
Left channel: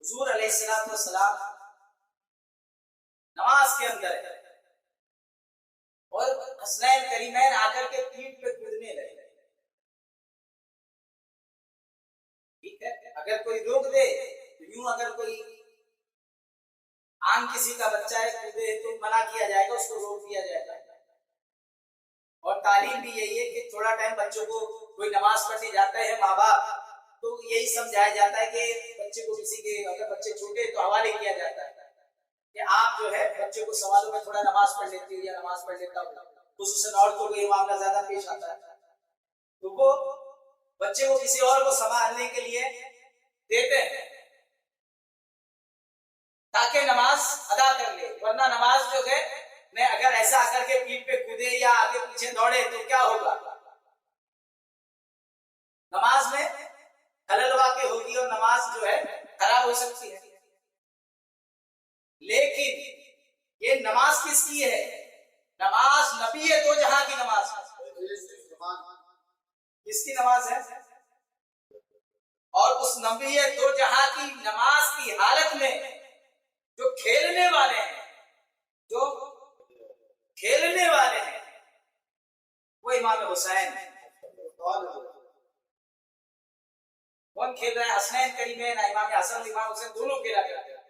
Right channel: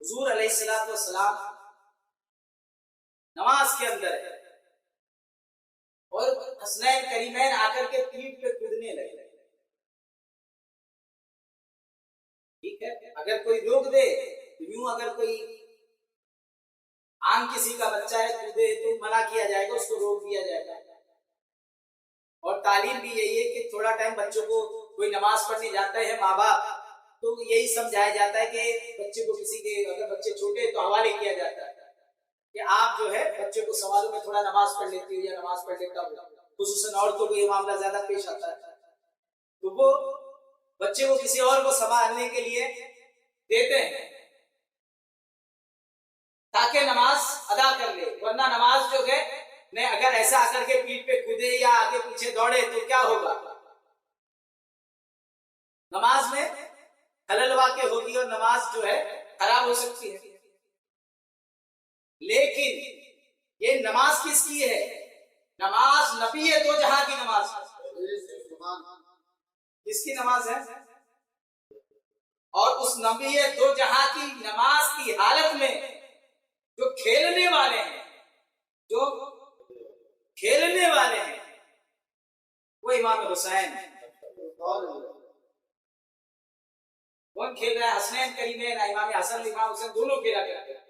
حضور علیہ السلام نماز کے اندر ہے، اور حسنین کریمین آ کر کے پیٹھ پہ کودنے لگے۔ ٹھیک ہے، اگر کوئی روک دے تو یوں، اگر کوئی عام کسی کا بچہ ہے کودے تو منع کیا جائے گا، اس کو روک دیا جائے گا۔ اور تعلیم بھی یہی ہے کہ تھوڑا ٹائم بچوں کو کوئی نماز پڑھنے جاتا ہے ماں باپ تو یہی سمجھایا جاتا ہے کہ بچے کو کسی کے، اگر بچے چھوٹے تو حوالے کیا جاتا ہے کہ آپ جو ہے بچے کو سوالوں میں تھوڑا نماز پڑھ لیتی ہو یا نماز پڑھ لیتا ہو، خصوصاً عورتوں کو یہ معاملہ زیادہ پیش آتا ہے، تو وہ بچے کو کسی اور کو سنبھالنے کے لیے دیتے ہیں تاکہ نماز ادا کر لے، ورنہ نماز جو ہے میں اگر ایسا آ کر کے پیٹھ پہ کودے یا آگے پیچھے دوڑے تو کیا ہوگا؟ نماز میں خلل واقع ہوگی اور نماز جو ہے خراب ہو سکتی ہے۔ لیکن یہ نماز کس کی ہے؟ نماز نبی دو جہاں کی نماز ہے۔ کس کی نماز ہے؟ اور اس نبی دو جہاں کی نماز کی حالت میں جو کھیلنے والے ہیں وہ امام حسین ہیں۔ کون کھیل رہا ہے؟ حسنین کریمین، امام حسن امام حسین دونوں کھیلا کرتے ہیں۔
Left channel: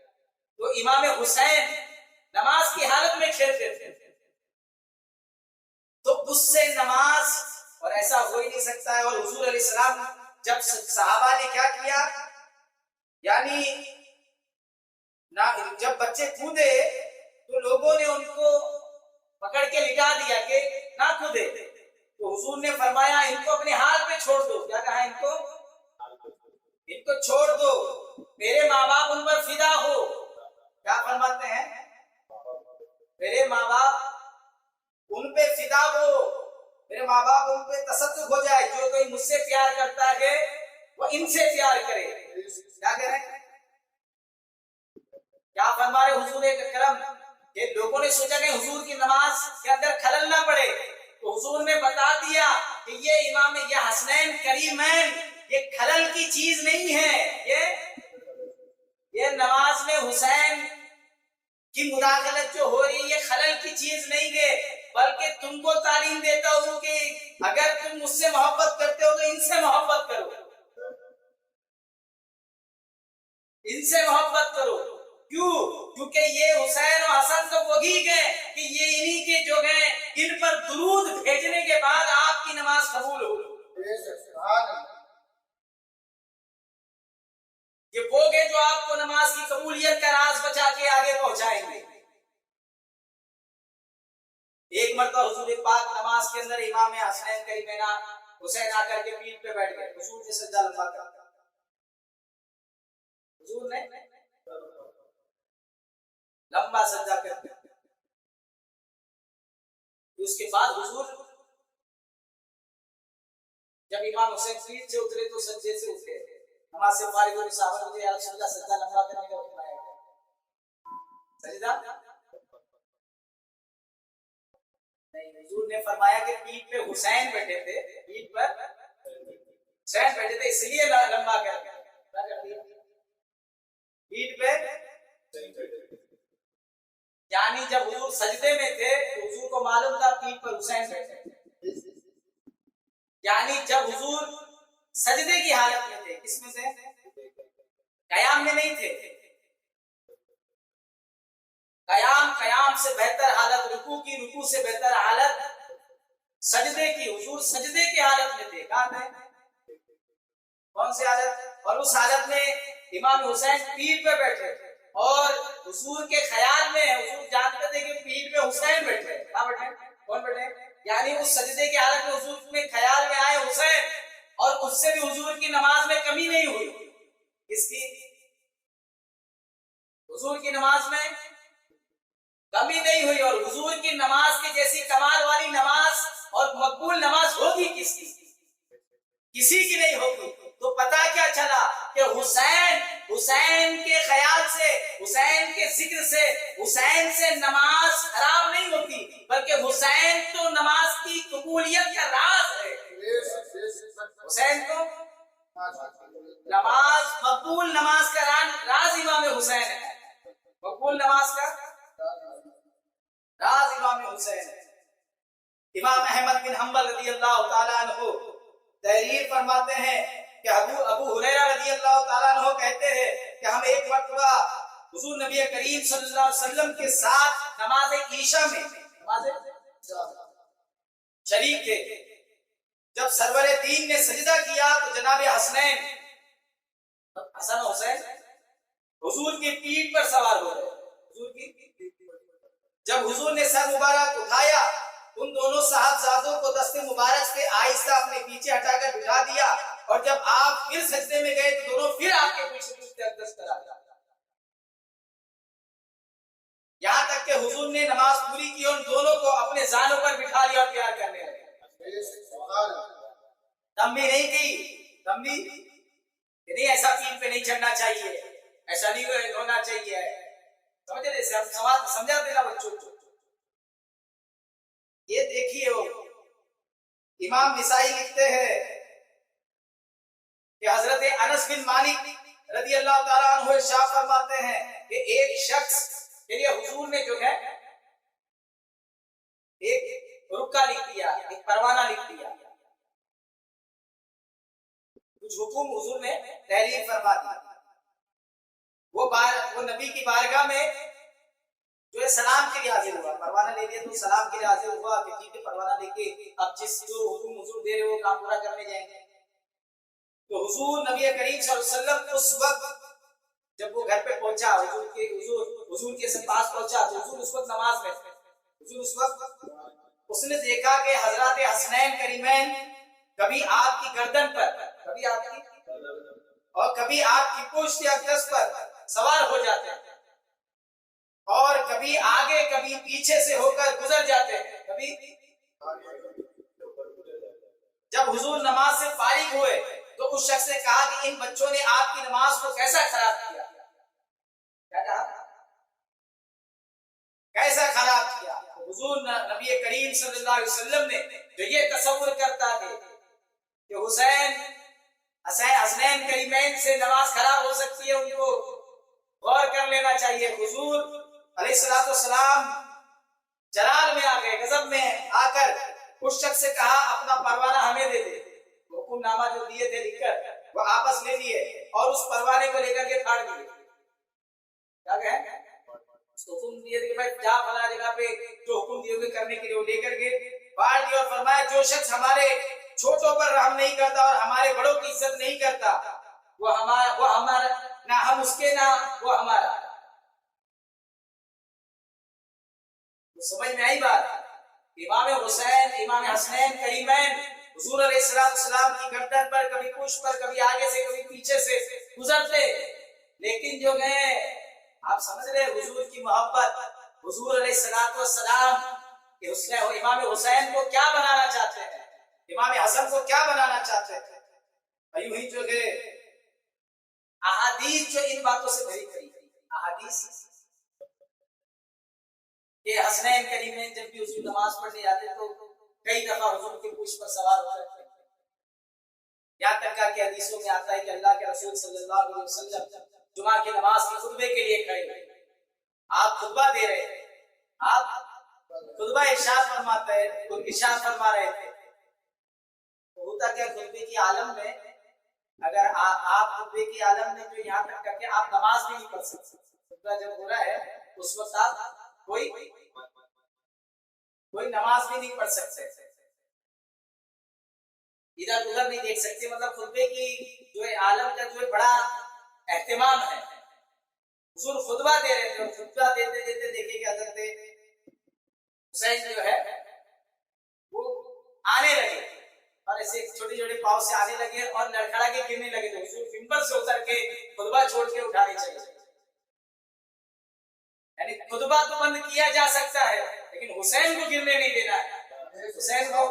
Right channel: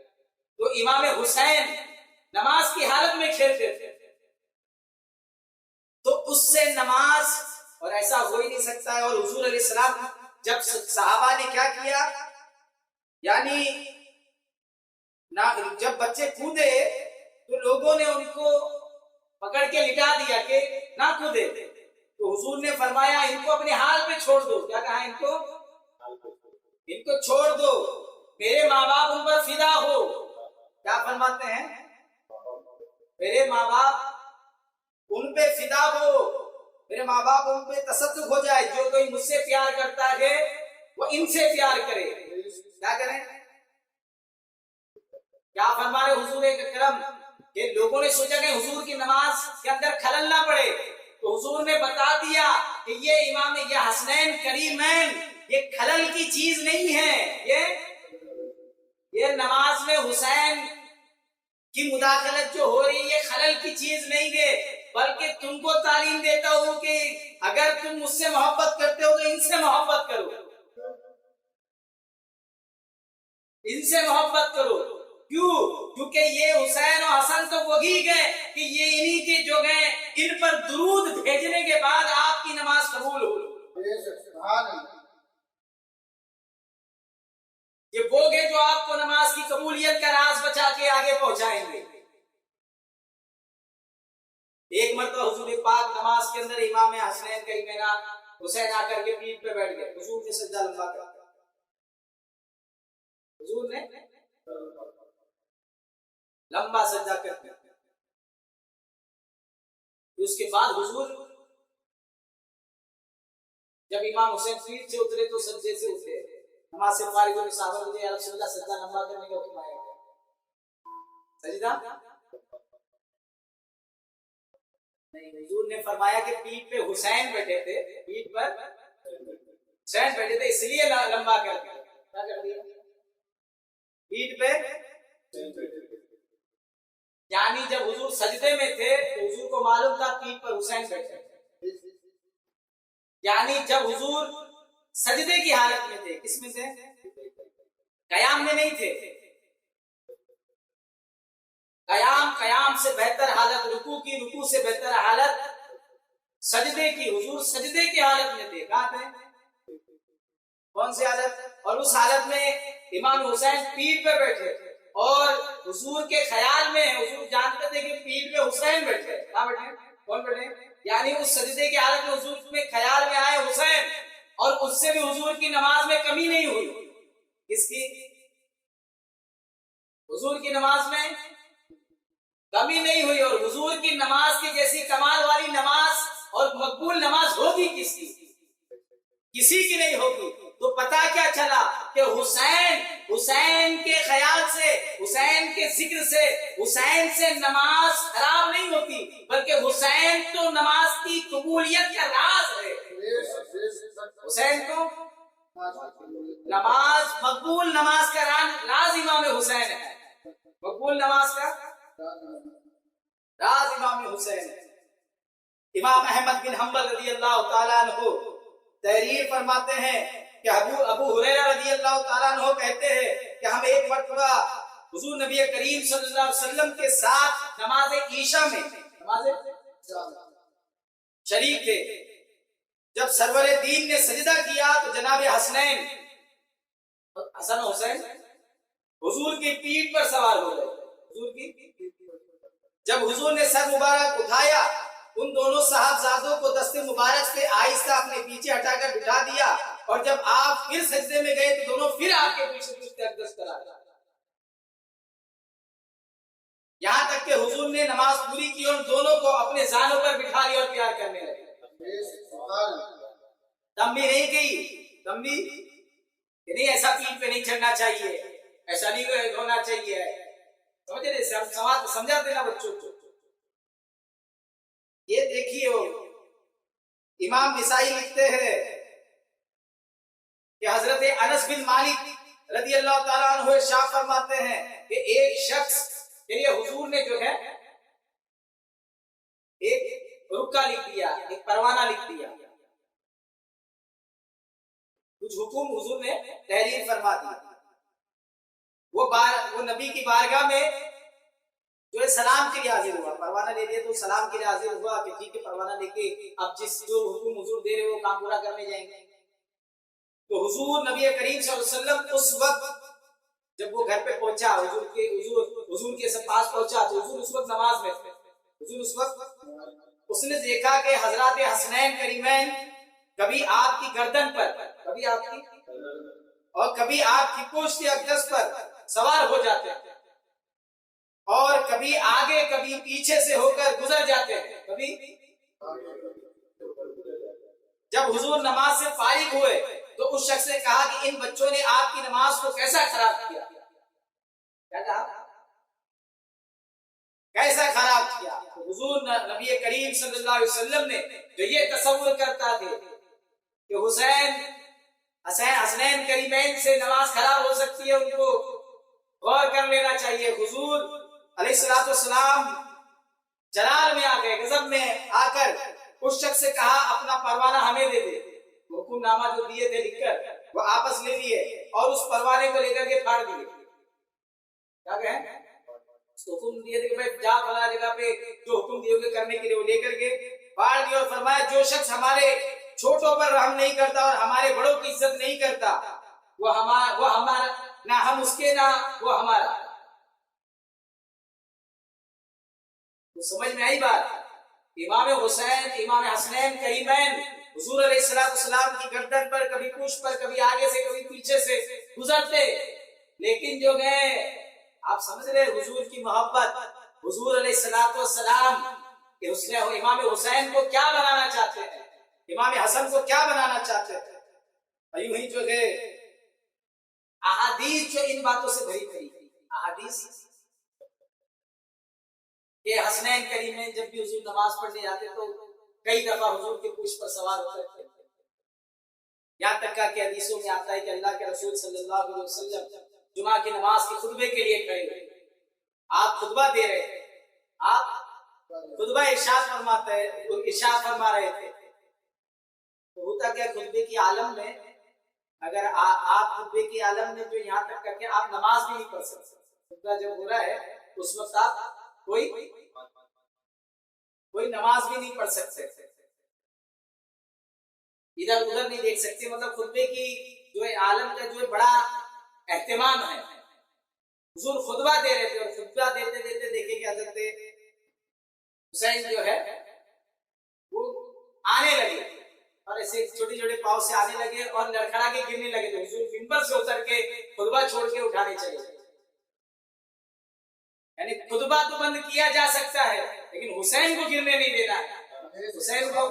تو امام حسین نماز کی حالت میں کھیلتے تھے، تو اس سے نماز، اور ایسا ہو ہی نہیں سکتا ہے۔ اور حضور علیہ السلام جب صحابہ نے کیا کیا، یعنی جب بچے کودے تو لوگوں نے ان کو پکڑ کے لٹا دیا کہ نہ کودے. تو حضور نے فرمایا ان کو اپنے حال پہ چھوڑ دو. کیا کہا؟ ان کو چھوڑ دو، میرے ماں باپ ان پر فدا ہو. کیا فرماتے ہیں؟ میرے ماں باپ ان پہ فدا ہو، میرے ماں باپ ان پہ تصدق ہو جائے. جو کوئی مجھ سے پیار کرتا ہے وہ ان سے پیار کرے. کیا کریں؟ کیا فرما رہے حضور اکرم کہ لوگوں نے سوچا کہ حضور کی نماز کے اندر خلل نہ پڑے، تو حضور نے بتا دیا کہ یہ امام، یہ حسنین کریمین، یہ خلل کی چیز نہیں ہے. یہ نماز میں حسین کی مداخلت جو ہو رہی ہے یہ خلل کی چیز نہیں ہے، بلکہ تم کو تعلیم دیتا ہوں کہ اگر تم مجھ سے محبت کرتے ہو تو ان سے محبت کرو، ان سے محبت کرو. کیوں؟ کیونکہ یہ حسین و حسن تو وہی گئے کہ یہ انہی کے جو گئے ان پر درود بھیجنے کے بعد آپ کی نماز قبول ہو. یہ وہ گئے جو آپ کو نماز کی قبولیت کا راز بچا کے آگے پہنچائیں گے. ایک مرتبہ حضور پاک نماز کے اندر امام حسنین کریمین حسین آ کر کے پیٹھ پہ بیٹھ گئے. حضور نے سجدہ لمبا کر دیا. حضور نے لمبا سجدہ کر دیا. اس کے بعد حضور جب امام حسین پیٹھ سے اترے تو سجدے سے اٹھے. نماز سے فارغ ہوئے صحابہ نے یا رسول اللہ سجدہ لمبا کرنے کا حکم آیا ہے. سجدہ نہیں، حضور نے فرمایا کہ پیٹھ پہ حسین بیٹھے تھے، پیٹھ پر حسین بیٹھے تھے اس لیے لمبا کر دیا. پیٹھ پہ یعنی جب حضور سجدے میں تھے تو حضور کو معلوم تھا پیٹھ پر حسین بیٹھے تھے. یعنی جب حضور سجدے کی حالت میں تھے، کس میں تھے؟ قیام میں نہیں تھے. قیام سے بہتر حالت رکوع کی، رکوع سے بہتر حالت سجدے کی. حضور سجدے کی حالت میں تھے. کہاں تھے؟ کون سی حالت؟ اور اس حالت میں امام حسین پیٹھ پہ بیٹھے اور حضور کے خیال میں حضور جانتے تھے کہ پیٹھ پہ حسین بیٹھے. کہاں بیٹھے؟ کون بیٹھے؟ یعنی اس سجدے کی حالت میں حضور میں خیال میں آئے حسین، اور اس سے بھی حضور کی نماز میں کمی نہیں ہوئی. کس کی؟ حضور کی نماز میں کمی نہیں ہوئی. اور حضور کی نماز کی جیسی کمال والی نماز اور مقبول نماز ہوگی کس کی؟ کسی کی نہیں ہوگی. تو پتا کیا چلا کہ حسین کے خیال سے، حسین کے ذکر سے، حسین سے نماز خراب نہیں ہوتی، بلکہ حسین تو نماز کی قبولیت کا راز ہے. حسین تو نماز، مقبول نماز کا راز امام حسین ہے. مقبول نماز کا راز امام حسین ہے. امام احمد بن حنبل رضی اللہ تعالیٰ عنہ تحریر فرماتے ہیں کہ ابو ہریرہ رضی اللہ تعالیٰ عنہ کہتے ہیں کہ ہم ایک مرتبہ حضور نبی کریم صلی اللہ علیہ وسلم کے ساتھ نماز عشاء میں شریک تھے. جب سرور دین نے سجدہ کیا تو جناب حسنین، حسن و حسین، حضور کی پیٹھ پر سوار ہو گئے. حضور کی جب حضور نے سر مبارک اٹھایا، ان دونوں صاحبزادوں کو دست مبارک سے آہستہ اپنے پیچھے ہٹا کر بٹھا دیا، اور جب آپ پھر سجدے میں گئے تو دونوں پھر آپ کے پیچھے پیچھے اقدس کرا دیا. یہاں تک کہ حضور نے نماز پوری کی اور ان دونوں کو اپنے زانوں پر بٹھا لیا اور پیار کرنے لگے. دم بھی نہیں کی، دم بھی نہیں، ایسا پیٹھ پہ نہیں چڑھنا چاہیے، ایسا نہیں ہونا چاہیے. سمجھے؟ سمجھاتے نا بچوں کو. یہ دیکھیے امام نسائی لکھتے ہیں کہ حضرت انس بن مالک رضی اللہ تعالیٰ عنہ ارشاد فرماتے ہیں کہ ایک شخص کے لیے حضور نے جو ہے ایک رکا لکھ دیا، ایک پروانہ لکھ دیا، کچھ حکم حضور نے تحریر فرما دی. وہ نبی کی بارگاہ میں جو ہے سلام کے لیے حاضر ہوا. پروانہ لے لیا تو سلام کے لیے حاضر ہوا کہ ٹھیک ہے پروانہ لے کے اب جو حکم حضور دے رہے وہ کام پورا کرنے جائیں گے. تو حضور نبی کریم صلی اللہ علیہ وسلم اس وقت جب وہ گھر پہ پہنچا حضور کے پاس پہنچا تو حضور اس وقت نماز میں تھے. حضور اس وقت اس نے دیکھا کہ حضرات حسنین کریمین کبھی آپ کی گردن پر، کبھی آپ کی اور کبھی آپ کی پشت اقدس پر سوار ہو جاتے ہیں، اور کبھی آگے کبھی پیچھے سے ہو کر گزر جاتے ہیں. کبھی جب حضور نماز سے فارغ ہوئے تو اس شخص نے کہا کہ ان بچوں نے آپ کی نماز کو کیسا خراب کیا. کیا کہا؟ کیسا خراب کیا؟ حضور نبی کریم صلی اللہ علیہ وسلم نے جو یہ تصور کرتا تھے کہ حسنین کریمین سے نماز خراب ہو سکتی ہے، ان کو غور کر لینا چاہیے. حضور علیہ الصلوۃ والسلام جلال میں آ گئے، غضب میں آ کر اس شخص سے کہا اپنا پروانہ ہمیں دے دے. حکم نامہ جو دیے تھے لکھ کر وہ آپس لے لیے اور اس پروانے کو لے کر کے پھاڑ دیے. کیا کہیں؟ حکم دیے تھے کہ بھائی جا فلاں جگہ پہ جو حکم دیے ہوگے کرنے کے لیے وہ لے کر کے پھاڑ دیا، اور فرمایا جو شخص ہمارے چھوٹوں پر رحم نہیں کرتا اور ہمارے بڑوں کی عزت نہیں کرتا وہ ہمارا نہ ہم اس کے نہ وہ ہمارا. تو سمجھ میں آئی بات؟ امام حسین امام حسنین کریمین حضور علیہ السلام کی گردن پر کبھی پشت پر کبھی آگے سے کبھی پیچھے سے گزرتے، لیکن جو گئے آپ سمجھ رہے حضور کی محبت، حضور علیہ السلام کہ امام حسین کو کیا بنانا چاہتے ہیں، امام حسن کو کیا بنانا چاہتے ہیں. یوں ہی جو ہے احادیث جو ان باتوں سے بھری پڑی احادیث کہ حسنین کریمین جب بھی حضور نماز پڑھنے جاتے تو کئی دفعہ حضور کے پشت پر سوار ہوتے تھے. یہاں تک کہ حدیثوں میں آتا ہے کہ اللہ کے رسول صلی اللہ علیہ وسلم جمعہ کی نماز کے خطبے کے لیے کھڑے ہوئے، آپ خطبہ دے رہے تھے، آپ خطبہ ارشاد فرما رہے تھے. ہوتا کیا خطبے کی عالم میں، اگر آپ خطبے کی عالم میں جو یہاں تک کر کے آپ نماز بھی نہیں پڑھ سکتے. خطبہ جب ہو رہا ہے اس وقت آپ کوئی نماز بھی نہیں پڑھ سکتے، ادھر ادھر نہیں دیکھ سکتے. مطلب خطبے کی جو ہے عالم کا جو ہے بڑا اہتمام ہے. حضور خطبہ دے رہے تھے اور خطبہ دیتے دیتے دیکھیں کہ حضرت حسین جو ہے وہ آنے لگے اور ایسے چھوٹے چھوٹے پاؤں سے آنے لگے اور لڑکھڑا کے گرنے لگے. تو حضور منبر سے اتر کے خطبہ چھوڑ کے اٹھانے چلے. یعنی خطبہ تو بند کیا جا سکتا ہے لیکن حسین کو گرنے نہیں دینا ہے. حسین کو،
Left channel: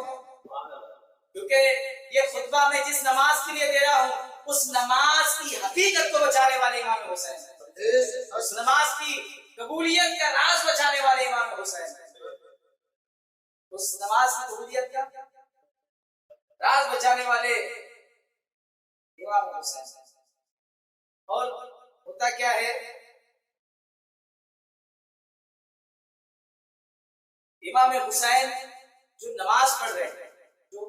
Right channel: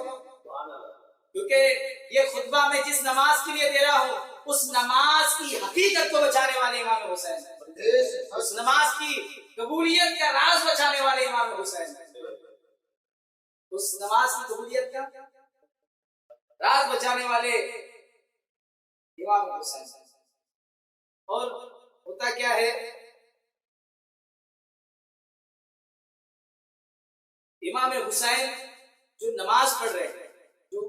کیونکہ یہ خطبہ میں جس نماز کے لیے دے رہا ہوں اس نماز کی حقیقت کو بچانے والے امام حسین ہیں. اس نماز کی قبولیت کا راز بچانے والے امام حسین ہیں. اس نماز کی قبولیت کا راز بچانے والے امام حسین ہیں. اور ہوتا کیا ہے، امام حسین جو نماز پڑھ رہے ہیں، جو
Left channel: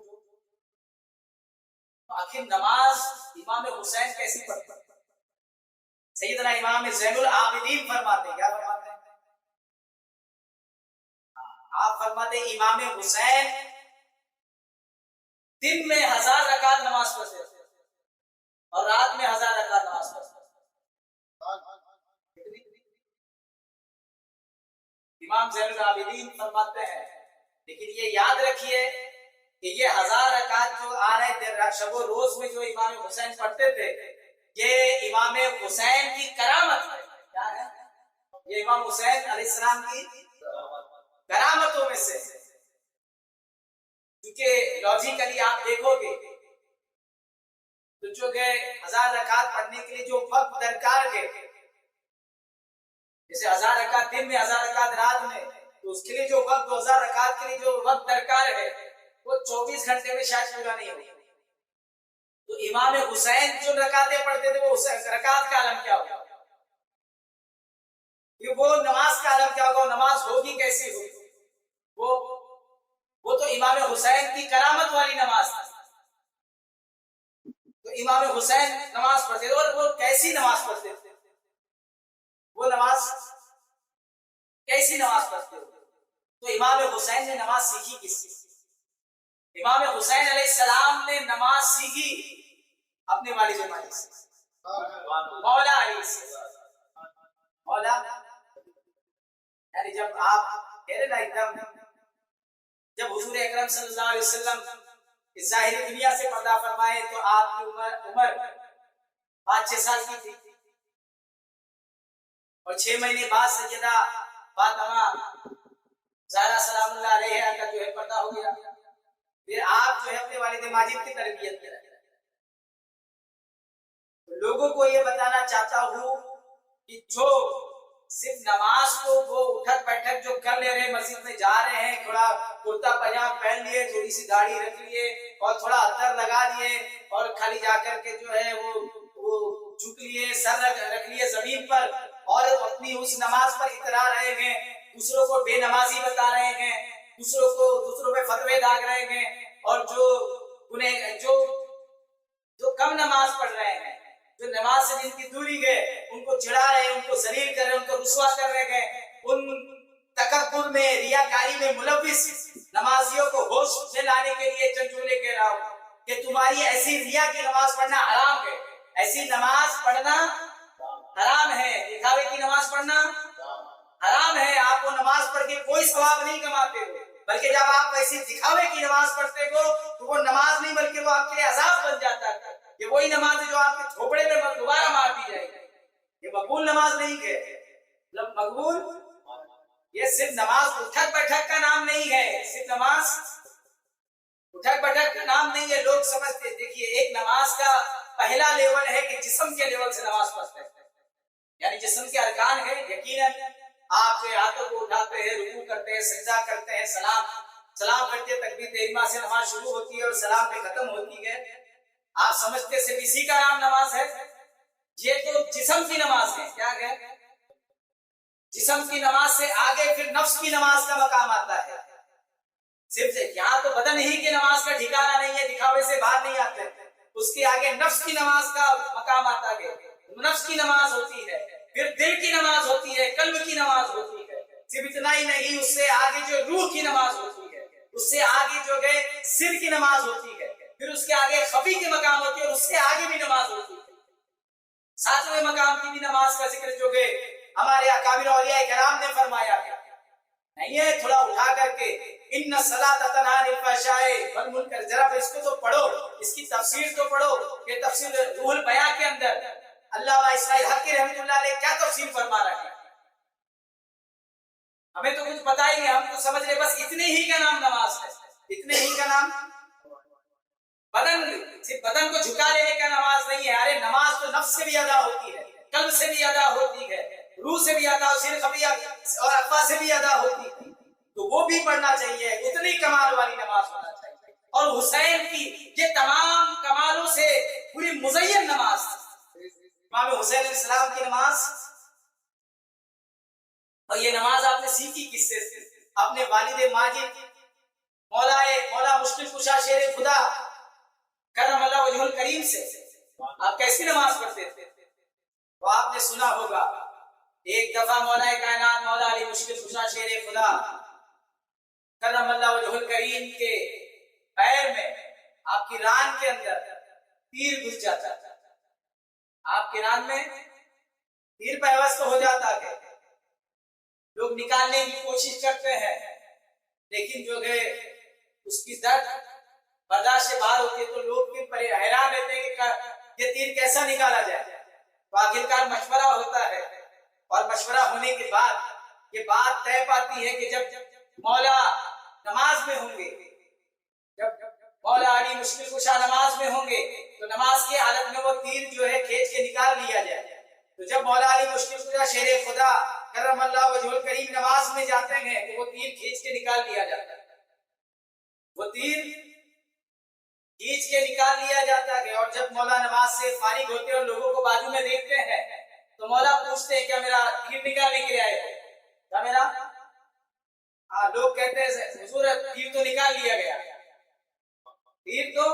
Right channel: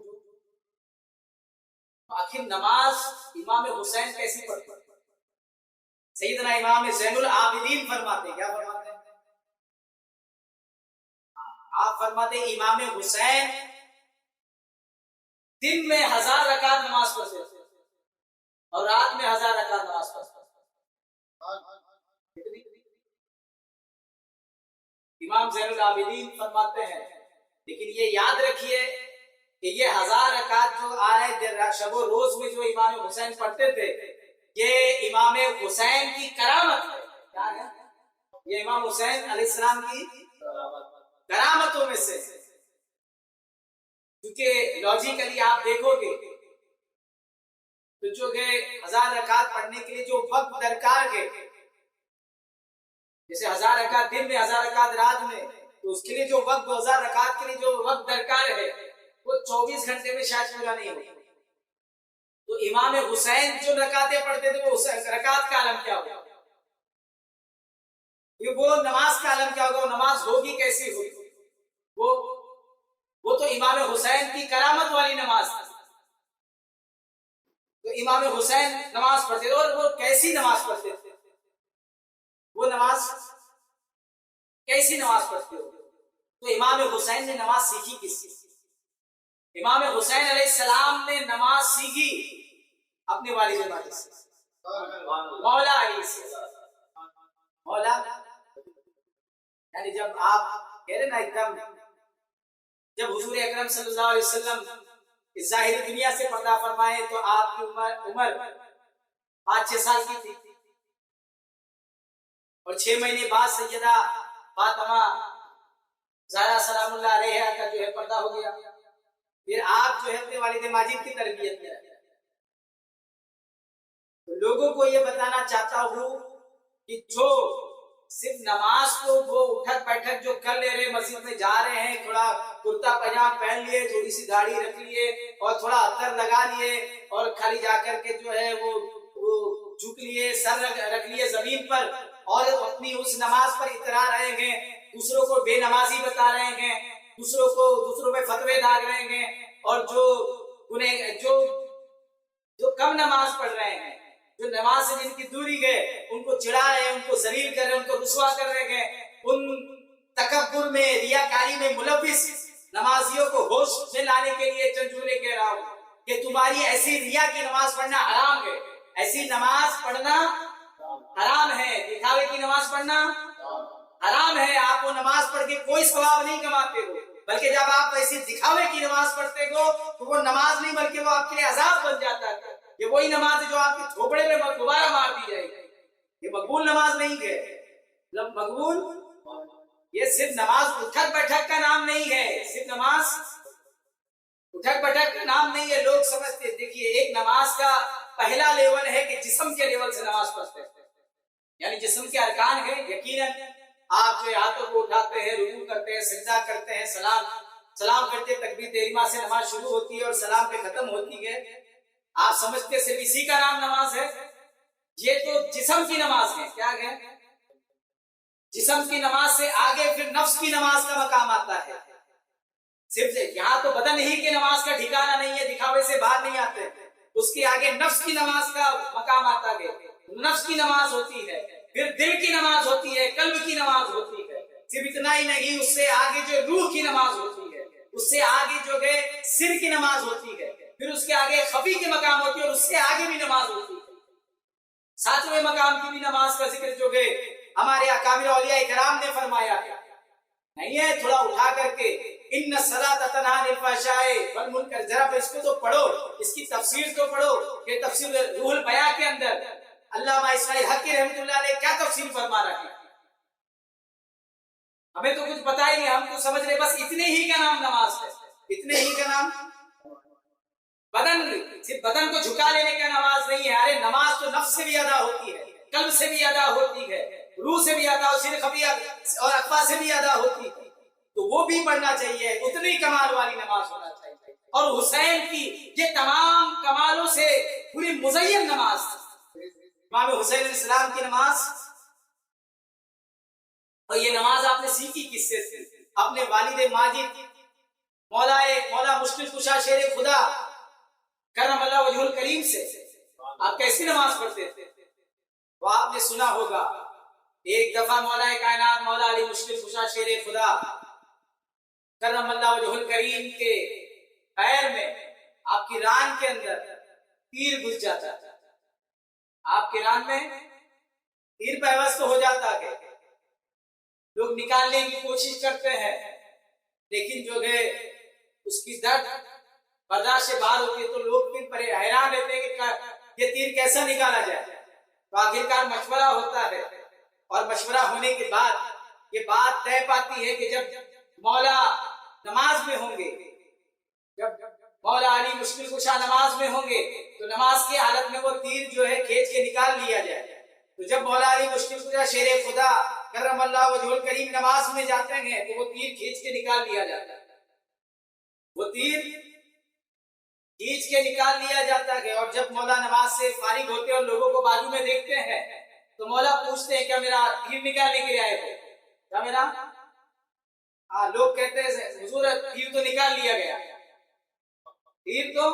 آخر نماز امام حسین کیسی پڑھتے ہیں؟ سیدنا امام زین العابدین فرماتے ہیں، کیا فرماتے ہیں؟ آپ فرماتے ہیں امام حسین دن میں 1000 رکعت نماز پڑھتے تھے اور رات میں 1000 رکعت نماز پڑھتے تھے. امام زین العابدین فرماتے ہیں لیکن یہ یاد رکھیے کہ یہ 1000 رکعت جو آ رہے شب و روز میں جو امام حسین پڑھتے تھے یہ امام حسین کی کرامت ہے. کیا ہے؟ یہ امام حسین علیہ السلام کی کرامتوں میں سے. کیونکہ لاجیکلی آپ دیکھو گے تو جو کہ 1000 رکعت پڑھنے کے لیے جو وقت درکار ہے، جیسے 1000 رکعت دن میں 1000 رکعت رات میں، تو اس کے لیے جو وقت 2000 رکعت کے لیے جو وقت درکار ہے وہ 24 گھنٹے میں شاید پورا نہیں ہوگا. تو امام حسین جو رکعتیں پڑھتے تھے وہ رکعت کا عالم کیا ہوگا، وہ نماز کا عالم کیا ہوگا، نماز ہوگی کیسی ہوگی. وہ تو امام حسین کی کرامت والی نماز تھی. تو امام حسین نماز پڑھتے تھے اور وہ کیسی نماز پڑھتے تھے، وہ نماز کیسی نماز پڑھتے ہو. تو امام حسین نے نماز سیکھی کس سے؟ امام حسین علیہ السلام نے نماز سیکھی اپنے والد ماجد سے. مولا علی سے. مولا یعنی جب آپ کہہ رہے نا ایک دم، جب حضور اکرم صلی اللہ علیہ وسلم اس ظاہری دنیا سے پردہ فرمائے تو آپ کی عمر 5-6 سال کی تھی، اور 6 مہینے بعد سیدہ فاطمہ زہرا سلام اللہ علیہا کا جو ہے پردہ ہو گیا. پھر آپ جو ہے اپنے والد ماجد کی تربیت میں رہے. لوگوں کو یہ بتانا چاہتا ہوں کہ جو صرف نماز کو وہ اٹھک بیٹھک جو کر لے رہے، مسجد میں جا رہے ہیں، تھوڑا کرتا پاجامہ پہن لیے، تھوڑی سی داڑھی رکھ لیے اور تھوڑا عطر لگا لیے اور خالی جا کر کے جو ہے وہ جھک لیے، سر رکھ لیے زمین پر اور اپنی اس نماز پر اترا رہے ہیں، دوسروں کو بے نمازی بتا رہے ہیں، دوسروں پہ فتوے داغ رہے ہیں، اور جو کم نماز پڑھ رہے ہیں، جو نماز سے جن کی دوری گئے، ان کو چڑھا رہے ہیں، ان کو ذلیل کر رہے ہیں، ان کو رسوا کر رہے ہیں، ان تکبر میں، ریاکاری میں ملوث نمازیوں کو ہوش میں لانے کے لیے چند جملے کہہ رہا ہوں کہ تمہاری ایسی ریا کی نماز پڑھنا حرام ہے، ایسی نماز پڑھنا حرام ہے، دکھاوے کی نماز پڑھنا حرام ہے. آپ وہ نماز پڑھ کے کوئی ثواب نہیں کماتے ہو، بلکہ جب آپ ایسی دکھاوے کی نماز پڑھتے ہو تو وہ نماز نہیں بلکہ وہ آپ کے لیے عذاب بن جاتا ہے. یہ وہی نماز ہے جو آپ کے تھوپڑے میں دوبارہ مار دی جائے گی. یہ مقبول نماز نہیں ہے. مقبول یہ صرف نماز اٹھک بیٹھک کا نام نہیں ہے، صرف نماز اٹھک بیٹھک کا نام نہیں ہے. لوگ سمجھتے، دیکھیے ایک نماز کا پہلا لیول ہے کہ جسم کے لیول سے نماز پڑھتے ہیں، یعنی جسم کے ارکان ہیں. یقیناً آپ جو ہاتھوں کو اٹھاتے ہیں، رکوع کرتے ہیں، سجدہ کرتے ہیں، سلام کرتے، تکبیر تحریمہ سے نماز شروع ہوتی ہے اور سلام پہ ختم ہوتی ہے. آپ سمجھتے صرف اسی کا نام نماز ہے؟ یہ تو جسم کی نماز ہے. کیا ہے؟ جسم کی نماز سے آگے پھر نفس کی نماز کا مقام آتا ہے. صرف یہاں تو بدن ہی کی نماز کا ٹھکانہ نہیں ہے، دکھاوے سے باہر نہیں آتے. اس کے آگے نفس کی نماز کا مقام آتا ہے. نفس کی نماز ہوتی ہے، پھر دل کی نماز ہوتی ہے، قلب کی نماز ہوتی ہے. صرف اتنا ہی نہیں، اس سے آگے جو روح کی نماز ہوتی ہے، اس سے آگے جو گئے سر کی نماز ہوتی ہے، پھر اس کے آگے خفی کے مقام ہوتی ہے اور اس سے آگے بھی نماز ہوتی ہے. 7ویں مقام کی بھی نماز کا ذکر جو گئے ہمارے اکابر اولیاء کرام نے فرمایا ہے. نہیں ہے تھوڑا اٹھا کر کے ان الصلاۃ تنہی عن الفحشاء والمنکر، ذرا اس کو تو پڑھو، اس کی تفسیر تو پڑھو. یہ تفسیر روح البیاں کے اندر علامہ اسماعیل حقی رحمۃ اللہ علیہ کیا تفسیر فرما رہا ہے؟ ہمیں تو کچھ پتا ہی نہیں، ہم تو سمجھ رہے بس اتنے ہی کا نام نماز ہے، اتنے ہی کا نام. صرف بدن کو جھکا لینے کا نماز نہیں ہے. ارے نماز تو نفس سے بھی ادا ہوتی ہے، قلب سے بھی ادا ہوتی ہے، روح سے بھی ادا ہوتی ہے، خفیہ اور اخفا سے بھی ادا ہوتی ہے. تو وہ بھی پڑھنا چاہیے، اتنی کمال والی نماز ہونا چاہیے. اور حسین کی یہ تمام کمالوں سے پوری مزین نماز، امام حسین علیہ السلام کی نماز. اور یہ نماز آپ نے سیکھی کس سے؟ اپنے والد ماجد مولا مشکل کشا شیر خدا کرم اللہ وجہ الکریم سے. آپ کیسی نماز پڑھتے تھے؟ تو آپ نے سنا ہوگا ایک دفعہ مولا کائنات مولا علی مشکل کشا شیر خدا کرم اللہ وجہ الکریم کے پیر میں، آپ کی ران کے اندر تیر گھس جاتا تھا. آپ کے ران میں تیر پیوست ہو جاتا ہے. لوگ نکالنے کی کوشش کرتے ہیں، لیکن جو ہے اس کی درد برداشت سے باہر ہوتی ہے. تو لوگ پھر حیران رہتے ہیں کہ یہ تیر کیسا نکالا جائے. تو آخرکار مشورہ ہوتا ہے، اور مشورہ ہونے کے بعد یہ بات طے پاتی ہے کہ جب مولا نماز میں ہوں گے، جب مولا علی مشکل کشا نماز میں ہوں گے تو نماز کی حالت میں وہ تیر جو ہے کھینچ کے نکال لیا جائے. تو جب مولا علی مشکل کشا شیر خدا کرم اللہ وجہ الکریم نماز میں جاتے ہیں تو وہ تیر کھینچ کے نکال لیا جاتا ہے. وہ تیر کھینچ کے نکال لیا جاتا ہے. اور جب مولا نماز سے فارغ ہوتے ہیں اور لوگوں کو بازو میں دیکھتے ہیں تو مولا پوچھتے ہیں کیا میرا تیر نکالنے کے لیے آئے ہو؟ کیا میرا؟ ہاں، لوگ کہتے ہیں حضور تیر تو نکال لیا گیا، تیر تو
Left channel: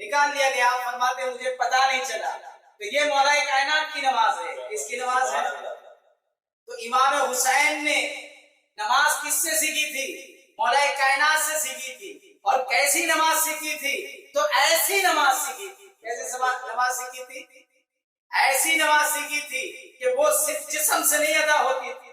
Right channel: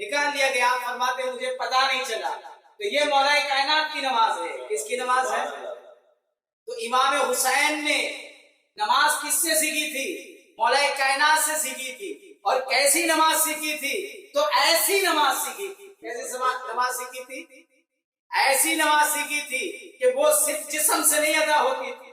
نکال لیا گیا. آپ فرماتے ہیں مجھے پتا نہیں چلا. تو یہ مولا کائنات کی نماز ہے. کس کی نماز ہے؟ تو امام حسین نے نماز کس سے سیکھی تھی؟ مولا کائنات سے سیکھی تھی. اور کیسی نماز سیکھی تھی؟ تو ایسی نماز سیکھی تھی. کیسی نماز سیکھی تھی؟ ایسی نماز سیکھی تھی کہ وہ صرف جسم سے نہیں ادا ہوتی تھی،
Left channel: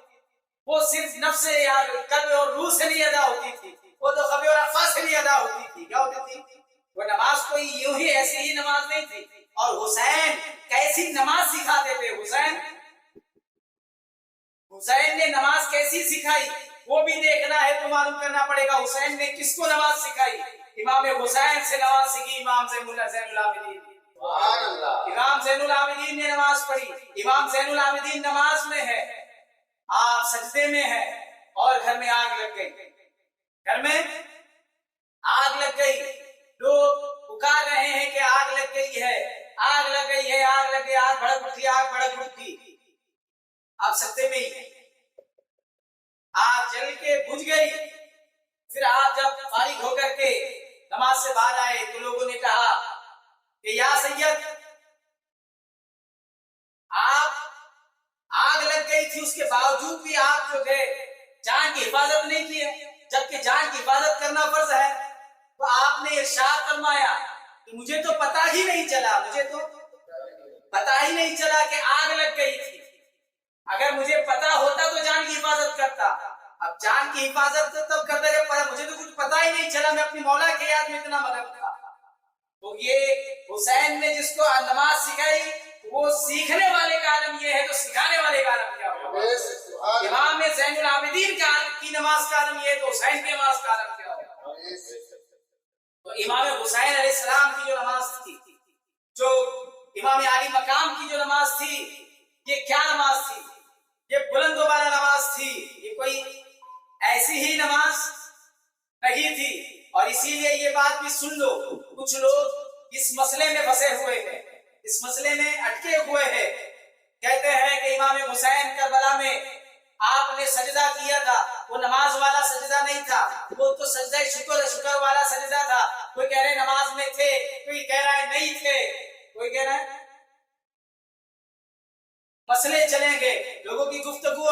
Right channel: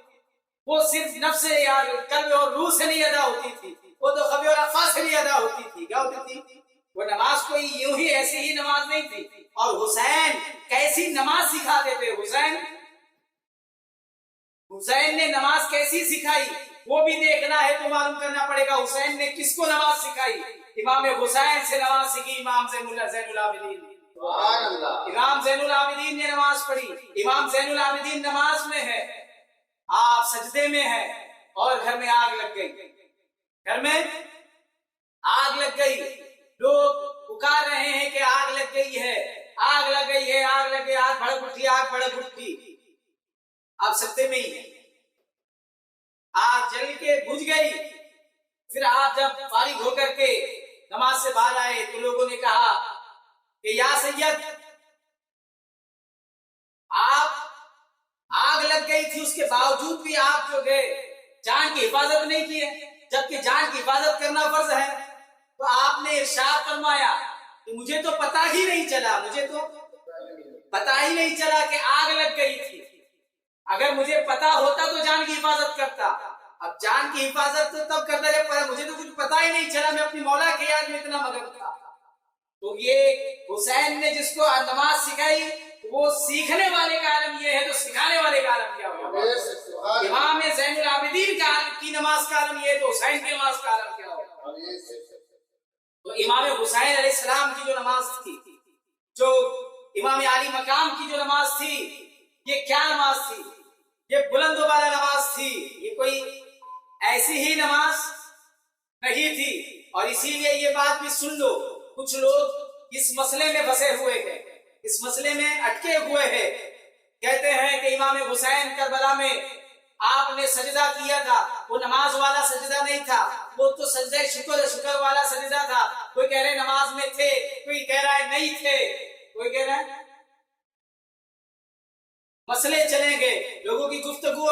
وہ صرف نفس یا قلب اور روح سے نہیں ادا ہوتی تھی، وہ تو خبی اور افا سے نہیں ادا ہوتی تھی. کیا ہوتی تھی؟ وہ نماز کوئی یوں ہی ایسی ہی نماز نہیں تھی. اور حسین کیسی نماز سکھاتے تھے. حسین نے نماز کیسی سکھائی وہ بھی دیکھنا ہے تو معلوم کرنا پڑے گا. حسین نے کس کو نماز سکھائی؟ امام حسین سے نماز سیکھی امام زین العابدین. امام زین العابدین نے نماز پڑھی. امام زین العابدین نماز میں ہے، آپ سجدے میں ہے اور گھر میں آگ لگ گئی. گھر میں آگ لگ گئی. لوگ پکار رہے ہیں کہ آگ لگ گئی ہے، آگ لگ گئی ہے، آگ لگ گئی، آگ بھڑک اٹھی، آگ بھڑک اٹھی. آپ سجدے میں ہی ہیں، آگ جل کے بجھ گئی. پھر آپ جب فارغ ہو کر کے نماز سے باہر آئے تو لوگوں نے کہا کہ یا سید، آپ آگ لگ گئی تھی اس کے باوجود بھی آپ جو گئے جان کی حفاظت نہیں کی ہے، جبکہ جان کی حفاظت کرنا فرض ہے. تو آپ نے ارشاد فرمایا کہ مجھے تو پتہ ہی نہیں چلا، مجھے تو پتہ ہی نہیں چلا کہ آگ لگ گئی تھی. اگر مجھے پتا ہوتا تو جان کی حفاظت کرتا. اب جان کی حفاظت تو تب کرتا جب مجھے تو کچھ پتا ہی نہیں چلا، میں اپنی مولا کے یاد میں اتنا مگن تھا. تو یہ حسین نے جس کو نماز سکھائی وہ سیکھنے والے کا عالم یہ ہے تو سکھانے والے کا عالم کیا ہوگا؟ امام زین العابدین کی نماز کا عالم یہ ہے تو حسین کی نماز کا عالم کیا ہوگا؟ تو امام حسین علیہ السلام کی جو نماز تھی، جو امام علی مقام کی جو نماز تھی، یہ کیا نماز تھی؟ یہ بلند والا نماز تھی. یہ کوئی ایسی ہی نماز نہیں تھی. اور اسی لیے یہ بات بھی سن لو، کچھ لوگ اس مسئلے میں پھنسے ہوئے ہیں، اس مسئلے میں اٹکے ہوئے ہیں. کہتے ہیں کہ امام حسین کربلا میں آپ نے سجدہ کیا تھا، وہ نماز والا سجدہ نہیں تھا، وہ تو سجدہ شکر والا سجدہ تھا. کوئی کہہ رہے نماز میں تھے، کوئی کہہ رہا ہے نہیں تھے، کوئی کہہ رہا ہے مسئلے چلیں گے. لوگوں کی گفتگو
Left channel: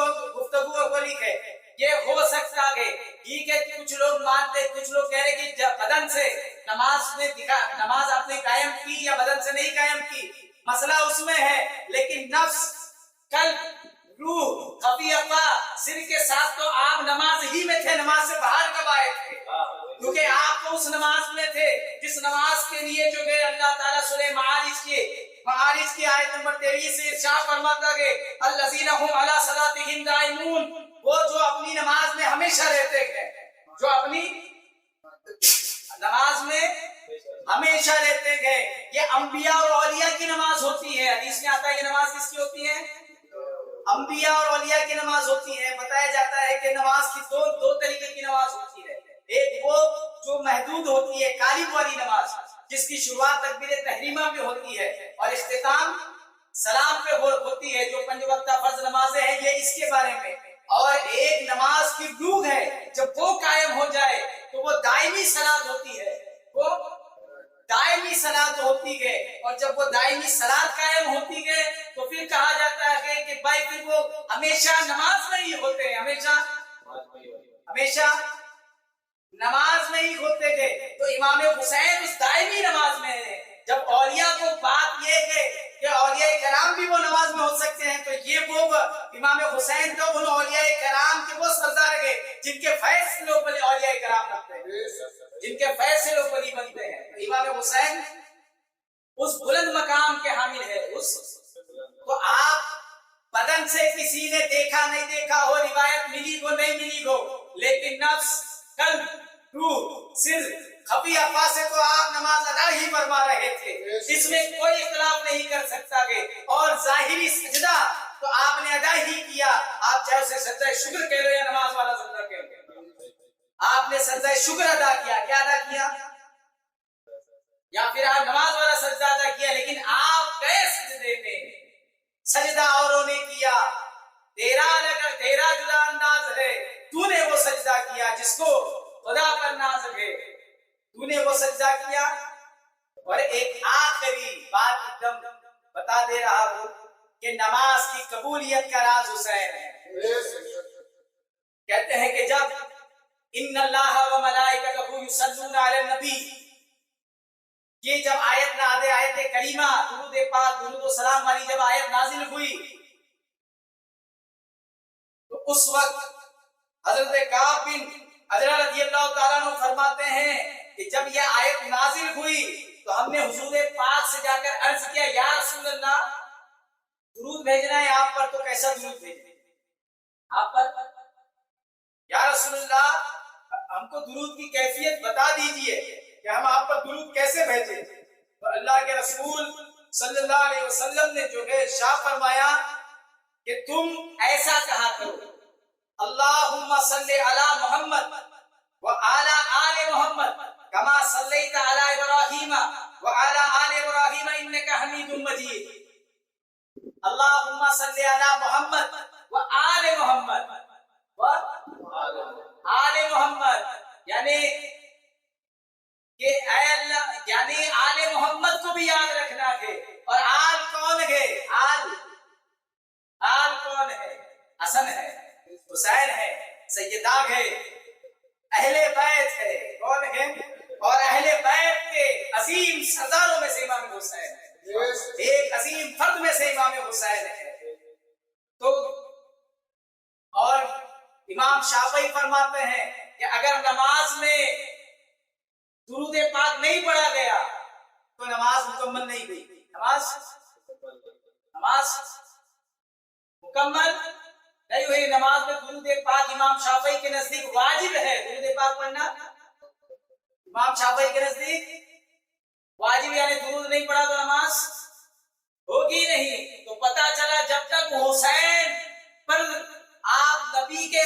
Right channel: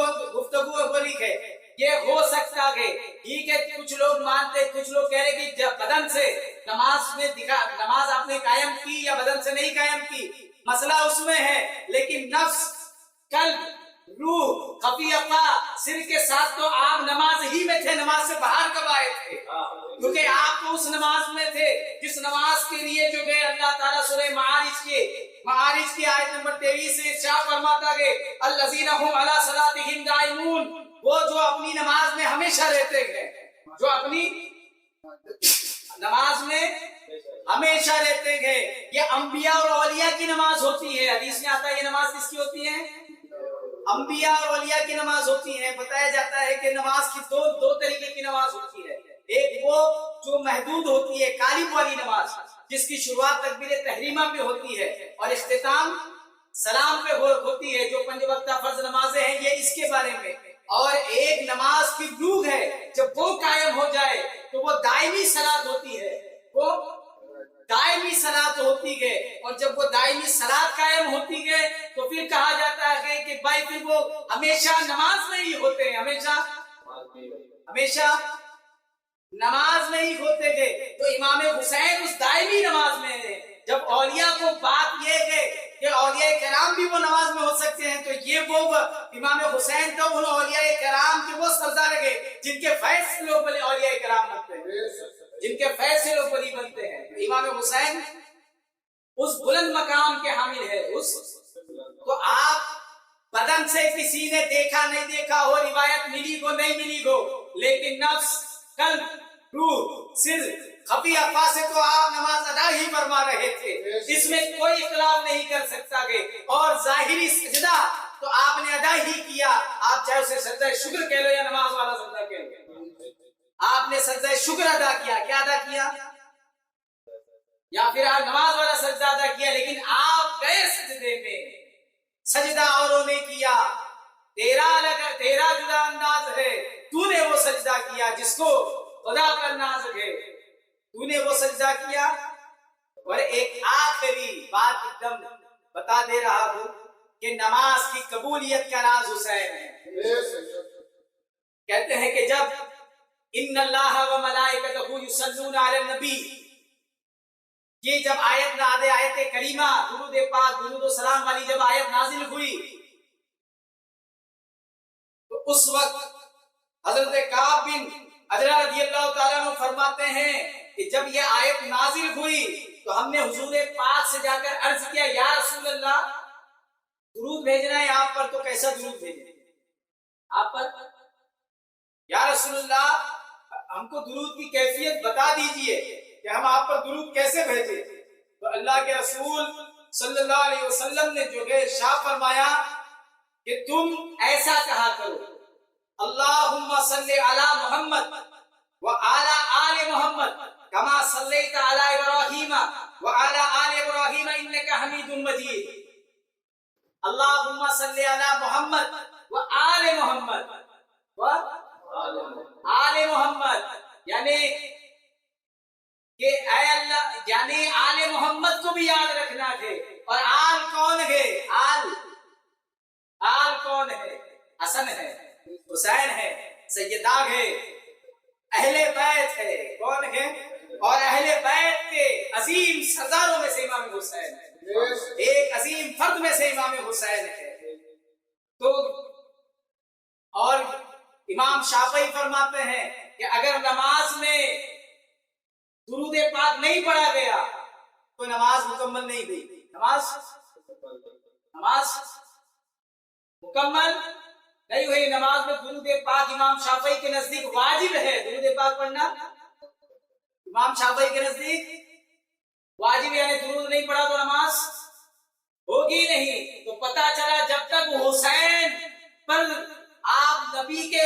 بری ہے. یہ ہو سکتا ہے ٹھیک ہے، کچھ لوگ مانتے، کچھ لوگ کہہ رہے کہ بدن سے نماز آپ نے قائم کی یا بدن سے نہیں قائم کی، مسئلہ اس میں ہے. لیکن نفس، قلب، روح، خفی افا، سر کے ساتھ تو آپ نماز ہی میں تھے. نماز سے باہر کب آئے تھے؟ کیونکہ آپ تو اس نماز میں تھے جس نماز کے لیے جو کہ اللہ تعالیٰ سورہ معارج کی آیت نمبر 23 سے ارشاد فرماتا ہے الذین هم علی صلاتهم دائمون، وہ جو اپنی نماز میں ہمیشہ رہتے ہیں، جو اپنی نماز میں ہمیشہ رہتے ہیں. یہ انبیاء اور اولیاء کی نماز ہوتی ہے. حدیث میں آتا ہے یہ نماز کس کی ہوتی ہے؟ انبیاء اور اولیاء کی نماز ہوتی ہے. بتایا جاتا ہے کہ نماز کی دو طریقے کی نماز ہوتی ہے. ایک وہ جو محدود ہوتی ہے، قالب والی نماز، جس کی شروعات تکبیر تحریمہ پہ ہوتی ہے اور اختتام سلام پہ ہوتی ہے، جو 5 وقتہ فرض نمازیں ہیں یہ اس کے بارے میں. اور ایک نماز کی روح ہے، جب وہ قائم ہو جائے تو وہ دائمی صلاۃ ہوتی ہے، وہ دائمی صلاۃ ہوتی ہے. اور جب وہ دائمی صلاۃ قائم ہوتی ہے تو پھر کہا جاتا ہے کہ بھائی پھر وہ ہمیشہ نماز میں ہی ہوتے ہیں، ہمیشہ نماز میں ہی ہوتے تھے. تو امام حسین اس دائمی نماز میں ہیں. جب اولیاء کو بات یہ ہے کہ اولیاء کرام بھی وہ نماز میں ہو سکتے ہیں، تو یہ وہ امام حسین تو ان اولیاء کرام کے وہ سردار گئے جن کے فیض سے لوگ بلی اولیاء کرام بنتے ہیں، جن کے فیض سے لوگ بلی بنتے ہیں. تو امام حسین اس بلند مقام کے حامل ہے. تو آپ بدن سے کسی نے دیکھا نہیں دیکھا ہو، روایت ملی ہو نہیں ملی ہو، لیکن نفس، قلب، روح، سر، خفی افا سے تو آپ نماز ادا ہی فرما رہے تھے. اس میں کوئی اختلاف نہیں کر سکتا کہ اور ظاہری سجدہ تو آپ نے ادا ہی کیا. آپ چاہے اسے سجدہ شکر کہہ لو یا نماز والا سجدہ کہہ لو، آپ نے سجدہ شکر ادا کیا. کیا ادا کیا؟ یا پھر آپ نماز والا سجدہ ادا کیا. لیکن آپ گئے سجدے میں، سجدہ اوروں نے کیا، تیرا جدا انداز ہے. تو نے وہ سجدہ کیا جس کو خدا پر ناز ہے، تو نے وہ سجدہ کیا. اور ایک آخری بات ایک دم بتا دے رہا ہوں کہ نماز کی قبولیت کا راز حسین ہے. کہتے ہیں کہ جب ان اللہ و ملائکتہ یصلون علی النبی، یہ جب آیت آیت کریمہ درود پاک درود و سلام والی جب آیت نازل ہوئی تو اس وقت حضرت کعب بن عجرہ رضی اللہ تعالیٰ عنہ فرماتے ہیں کہ جب یہ آیت نازل ہوئی تو ہم نے حضور پاک سے جا کر عرض کیا یا رسول اللہ درود بھیجنا ہے آپ پر تو کیسا درود بھیجیں آپ پر یا رسول اللہ ہم کو درود کی کیفیت بتا دیجئے کہ ہم آپ پر درود کیسے بھیجیں تو اللہ کے رسول صلی اللہ علیہ وسلم نے جو ہے ارشاد فرمایا کہ تم ایسا کہا کرو اللہم صلی علی محمد وعلی آل محمد کما صلیت علی ابراہیم وعلی آل ابراہیم انکا حمید مجید اللہم صلی علی محمد وآل محمد آل محمد یعنی کہ اے اللہ یعنی آل محمد کو بھی یاد رکھنا ہے اور آل کون ہے آل کون ہے حسن ہے حسین ہے سیدہ ہے اہل بیت ہے کون ہے اور اہل بیت کے عظیم سرداروں میں سے امام حسین ہے ایک عظیم فرد میں سے امام حسین ہے تو اور امام شافعی فرماتے ہیں کہ اگر نماز میں درود پاک نہیں پڑھا گیا تو نماز مکمل نہیں ہوئی نماز مکمل نہیں ہوئی نماز میں درود پاک امام شافعی کے نزدیک واجب ہے درود پاک پڑھنا امام شافعی کے نزدیک واجب یعنی درود نہیں پڑھا تو نماز ہوگی نہیں تو پتا چلا جب تک حسین پر آپ نبی کے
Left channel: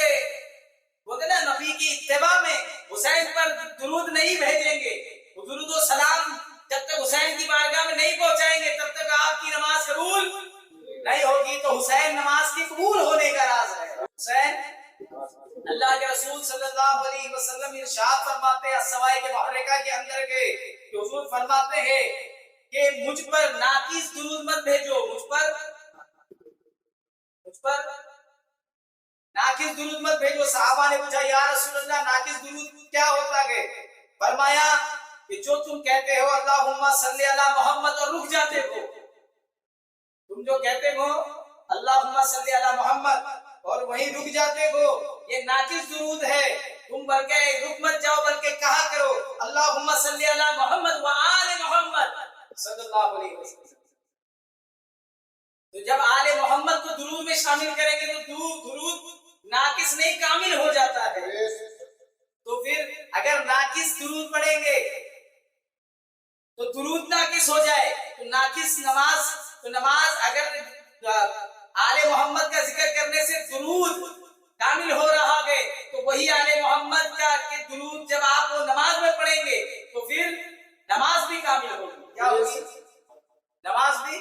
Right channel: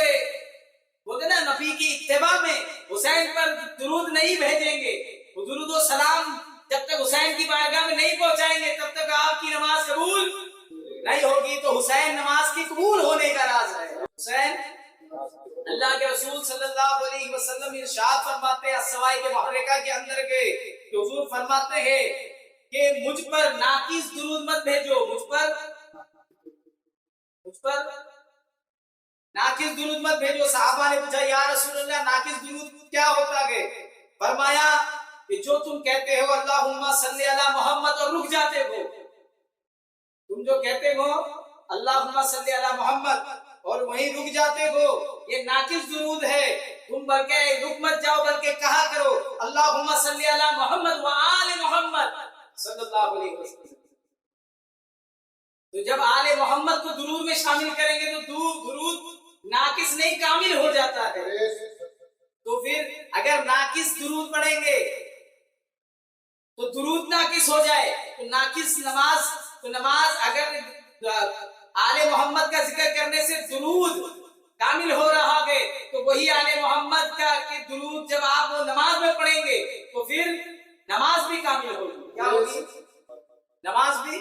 بولتے نا نبی کی اتباع میں حسین پر درود نہیں بھیجیں گے درود و سلام جب تک حسین کی بارگاہ میں نہیں پہنچائیں گے تب تک آپ کی نماز قبول نہیں ہوگی تو حسین نماز کی قبول ہونے کا راز ہے حسین اللہ کے رسول صلی اللہ علیہ وسلم ارشاد فرماتے ہیں السوائی کے محرکہ کے اندر کے کہ حضور فرماتے ہیں کہ مجھ پر ناقص درود مت بھیجو مجھ پر ناقص درود مت بھیجو صحابہ نے پوچھا یا رسول اللہ ناقص درود کیا ہوتا ہے فرمایا کہ جو تم کہتے ہو اللہم صلی علی محمد اور رک جاتے ہو تم جو کہتے ہو اللہم صلی علی محمد اور وہیں رک جاتے ہو یہ ناقص درود ہے تم بلکہ رک مت جاؤ بلکہ کہا کرو اللہم صلی علی محمد وآل محمد صلی اللہ علیہ وسلم تو جب آل محمد کو درود میں شامل کریں گے تو درود ناقص نہیں کامل ہو جاتا ہے تو پھر اگر ناقص درود پڑھیں گے تو درود ناقص ہو جائے تو ناقص نماز اگر آل محمد کا ذکر کرنے سے درود کامل ہو رہا ہے تو وہی آل محمد کا کہ درود جب آپ وہ نماز میں پڑھیں گے تو پھر نماز بھی کامل ہوگی کیا ہوگی نماز بھی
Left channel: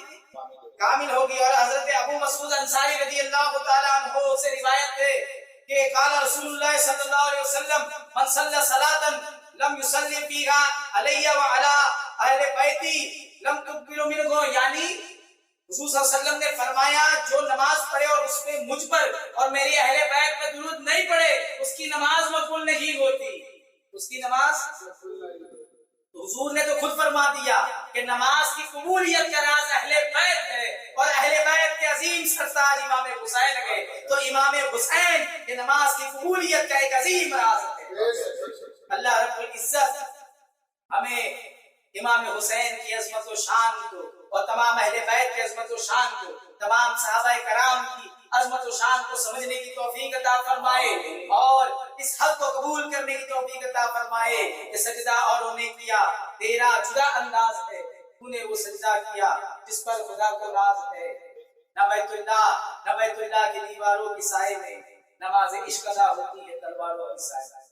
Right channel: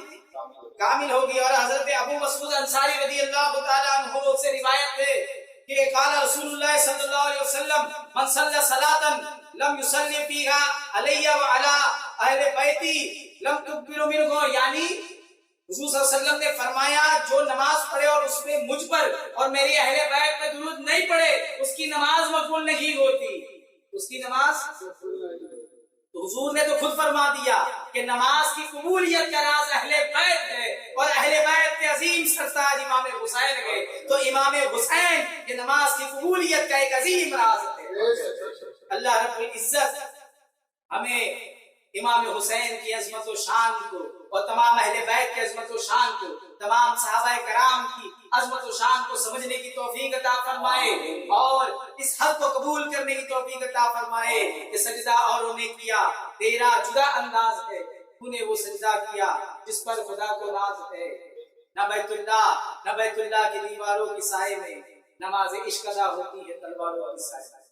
کامل ہوگی اور حضرت ابو مسعود انصاری رضی اللہ تعالیٰ عنہ سے روایت ہے کہ قال رسول اللہ صلی اللہ علیہ وسلم من صلی صلاۃ لم يصلی فیہا علی وعلی اہل بیتی لم تقبل منہ یعنی حضور صلی اللہ علیہ وسلم نے فرمایا جو نماز پڑھے اور اس میں مجھ پر اور میری اہل بیت پر درود نہیں پڑھے اس کی نماز مقبول نہیں ہوتی اس کی نماز تو حضور نے تو خود فرما دیا کہ نماز کی قبولیت کا راز اہل بیت ہے اور اہل بیت کے عظیم سرتاج امام حسین ہے تو امام حسین کی نماز کی قبولیت کا ایک عظیم راز ہے اللہ رب العزت ہمیں امام حسین کی عظمت و شان کو اور تمام اہل بیت کی عظمت و شان کو تمام صحابہ کرام کی عظمت و شان کو سمجھنے کی توفیق عطا فرمائے اور اس حق کو قبول کرنے کی توفیق عطا فرمائے کہ سجدہ اوروں نے کیا تیرا جدا انداز ہے تو نے وہ سجدہ کیا جس پر خدا کو راز ہے نہ بیت اللہ کی دیواروں کی سائے میں نماز عشق ادا ہوتی ہے تلواروں کی سائے میں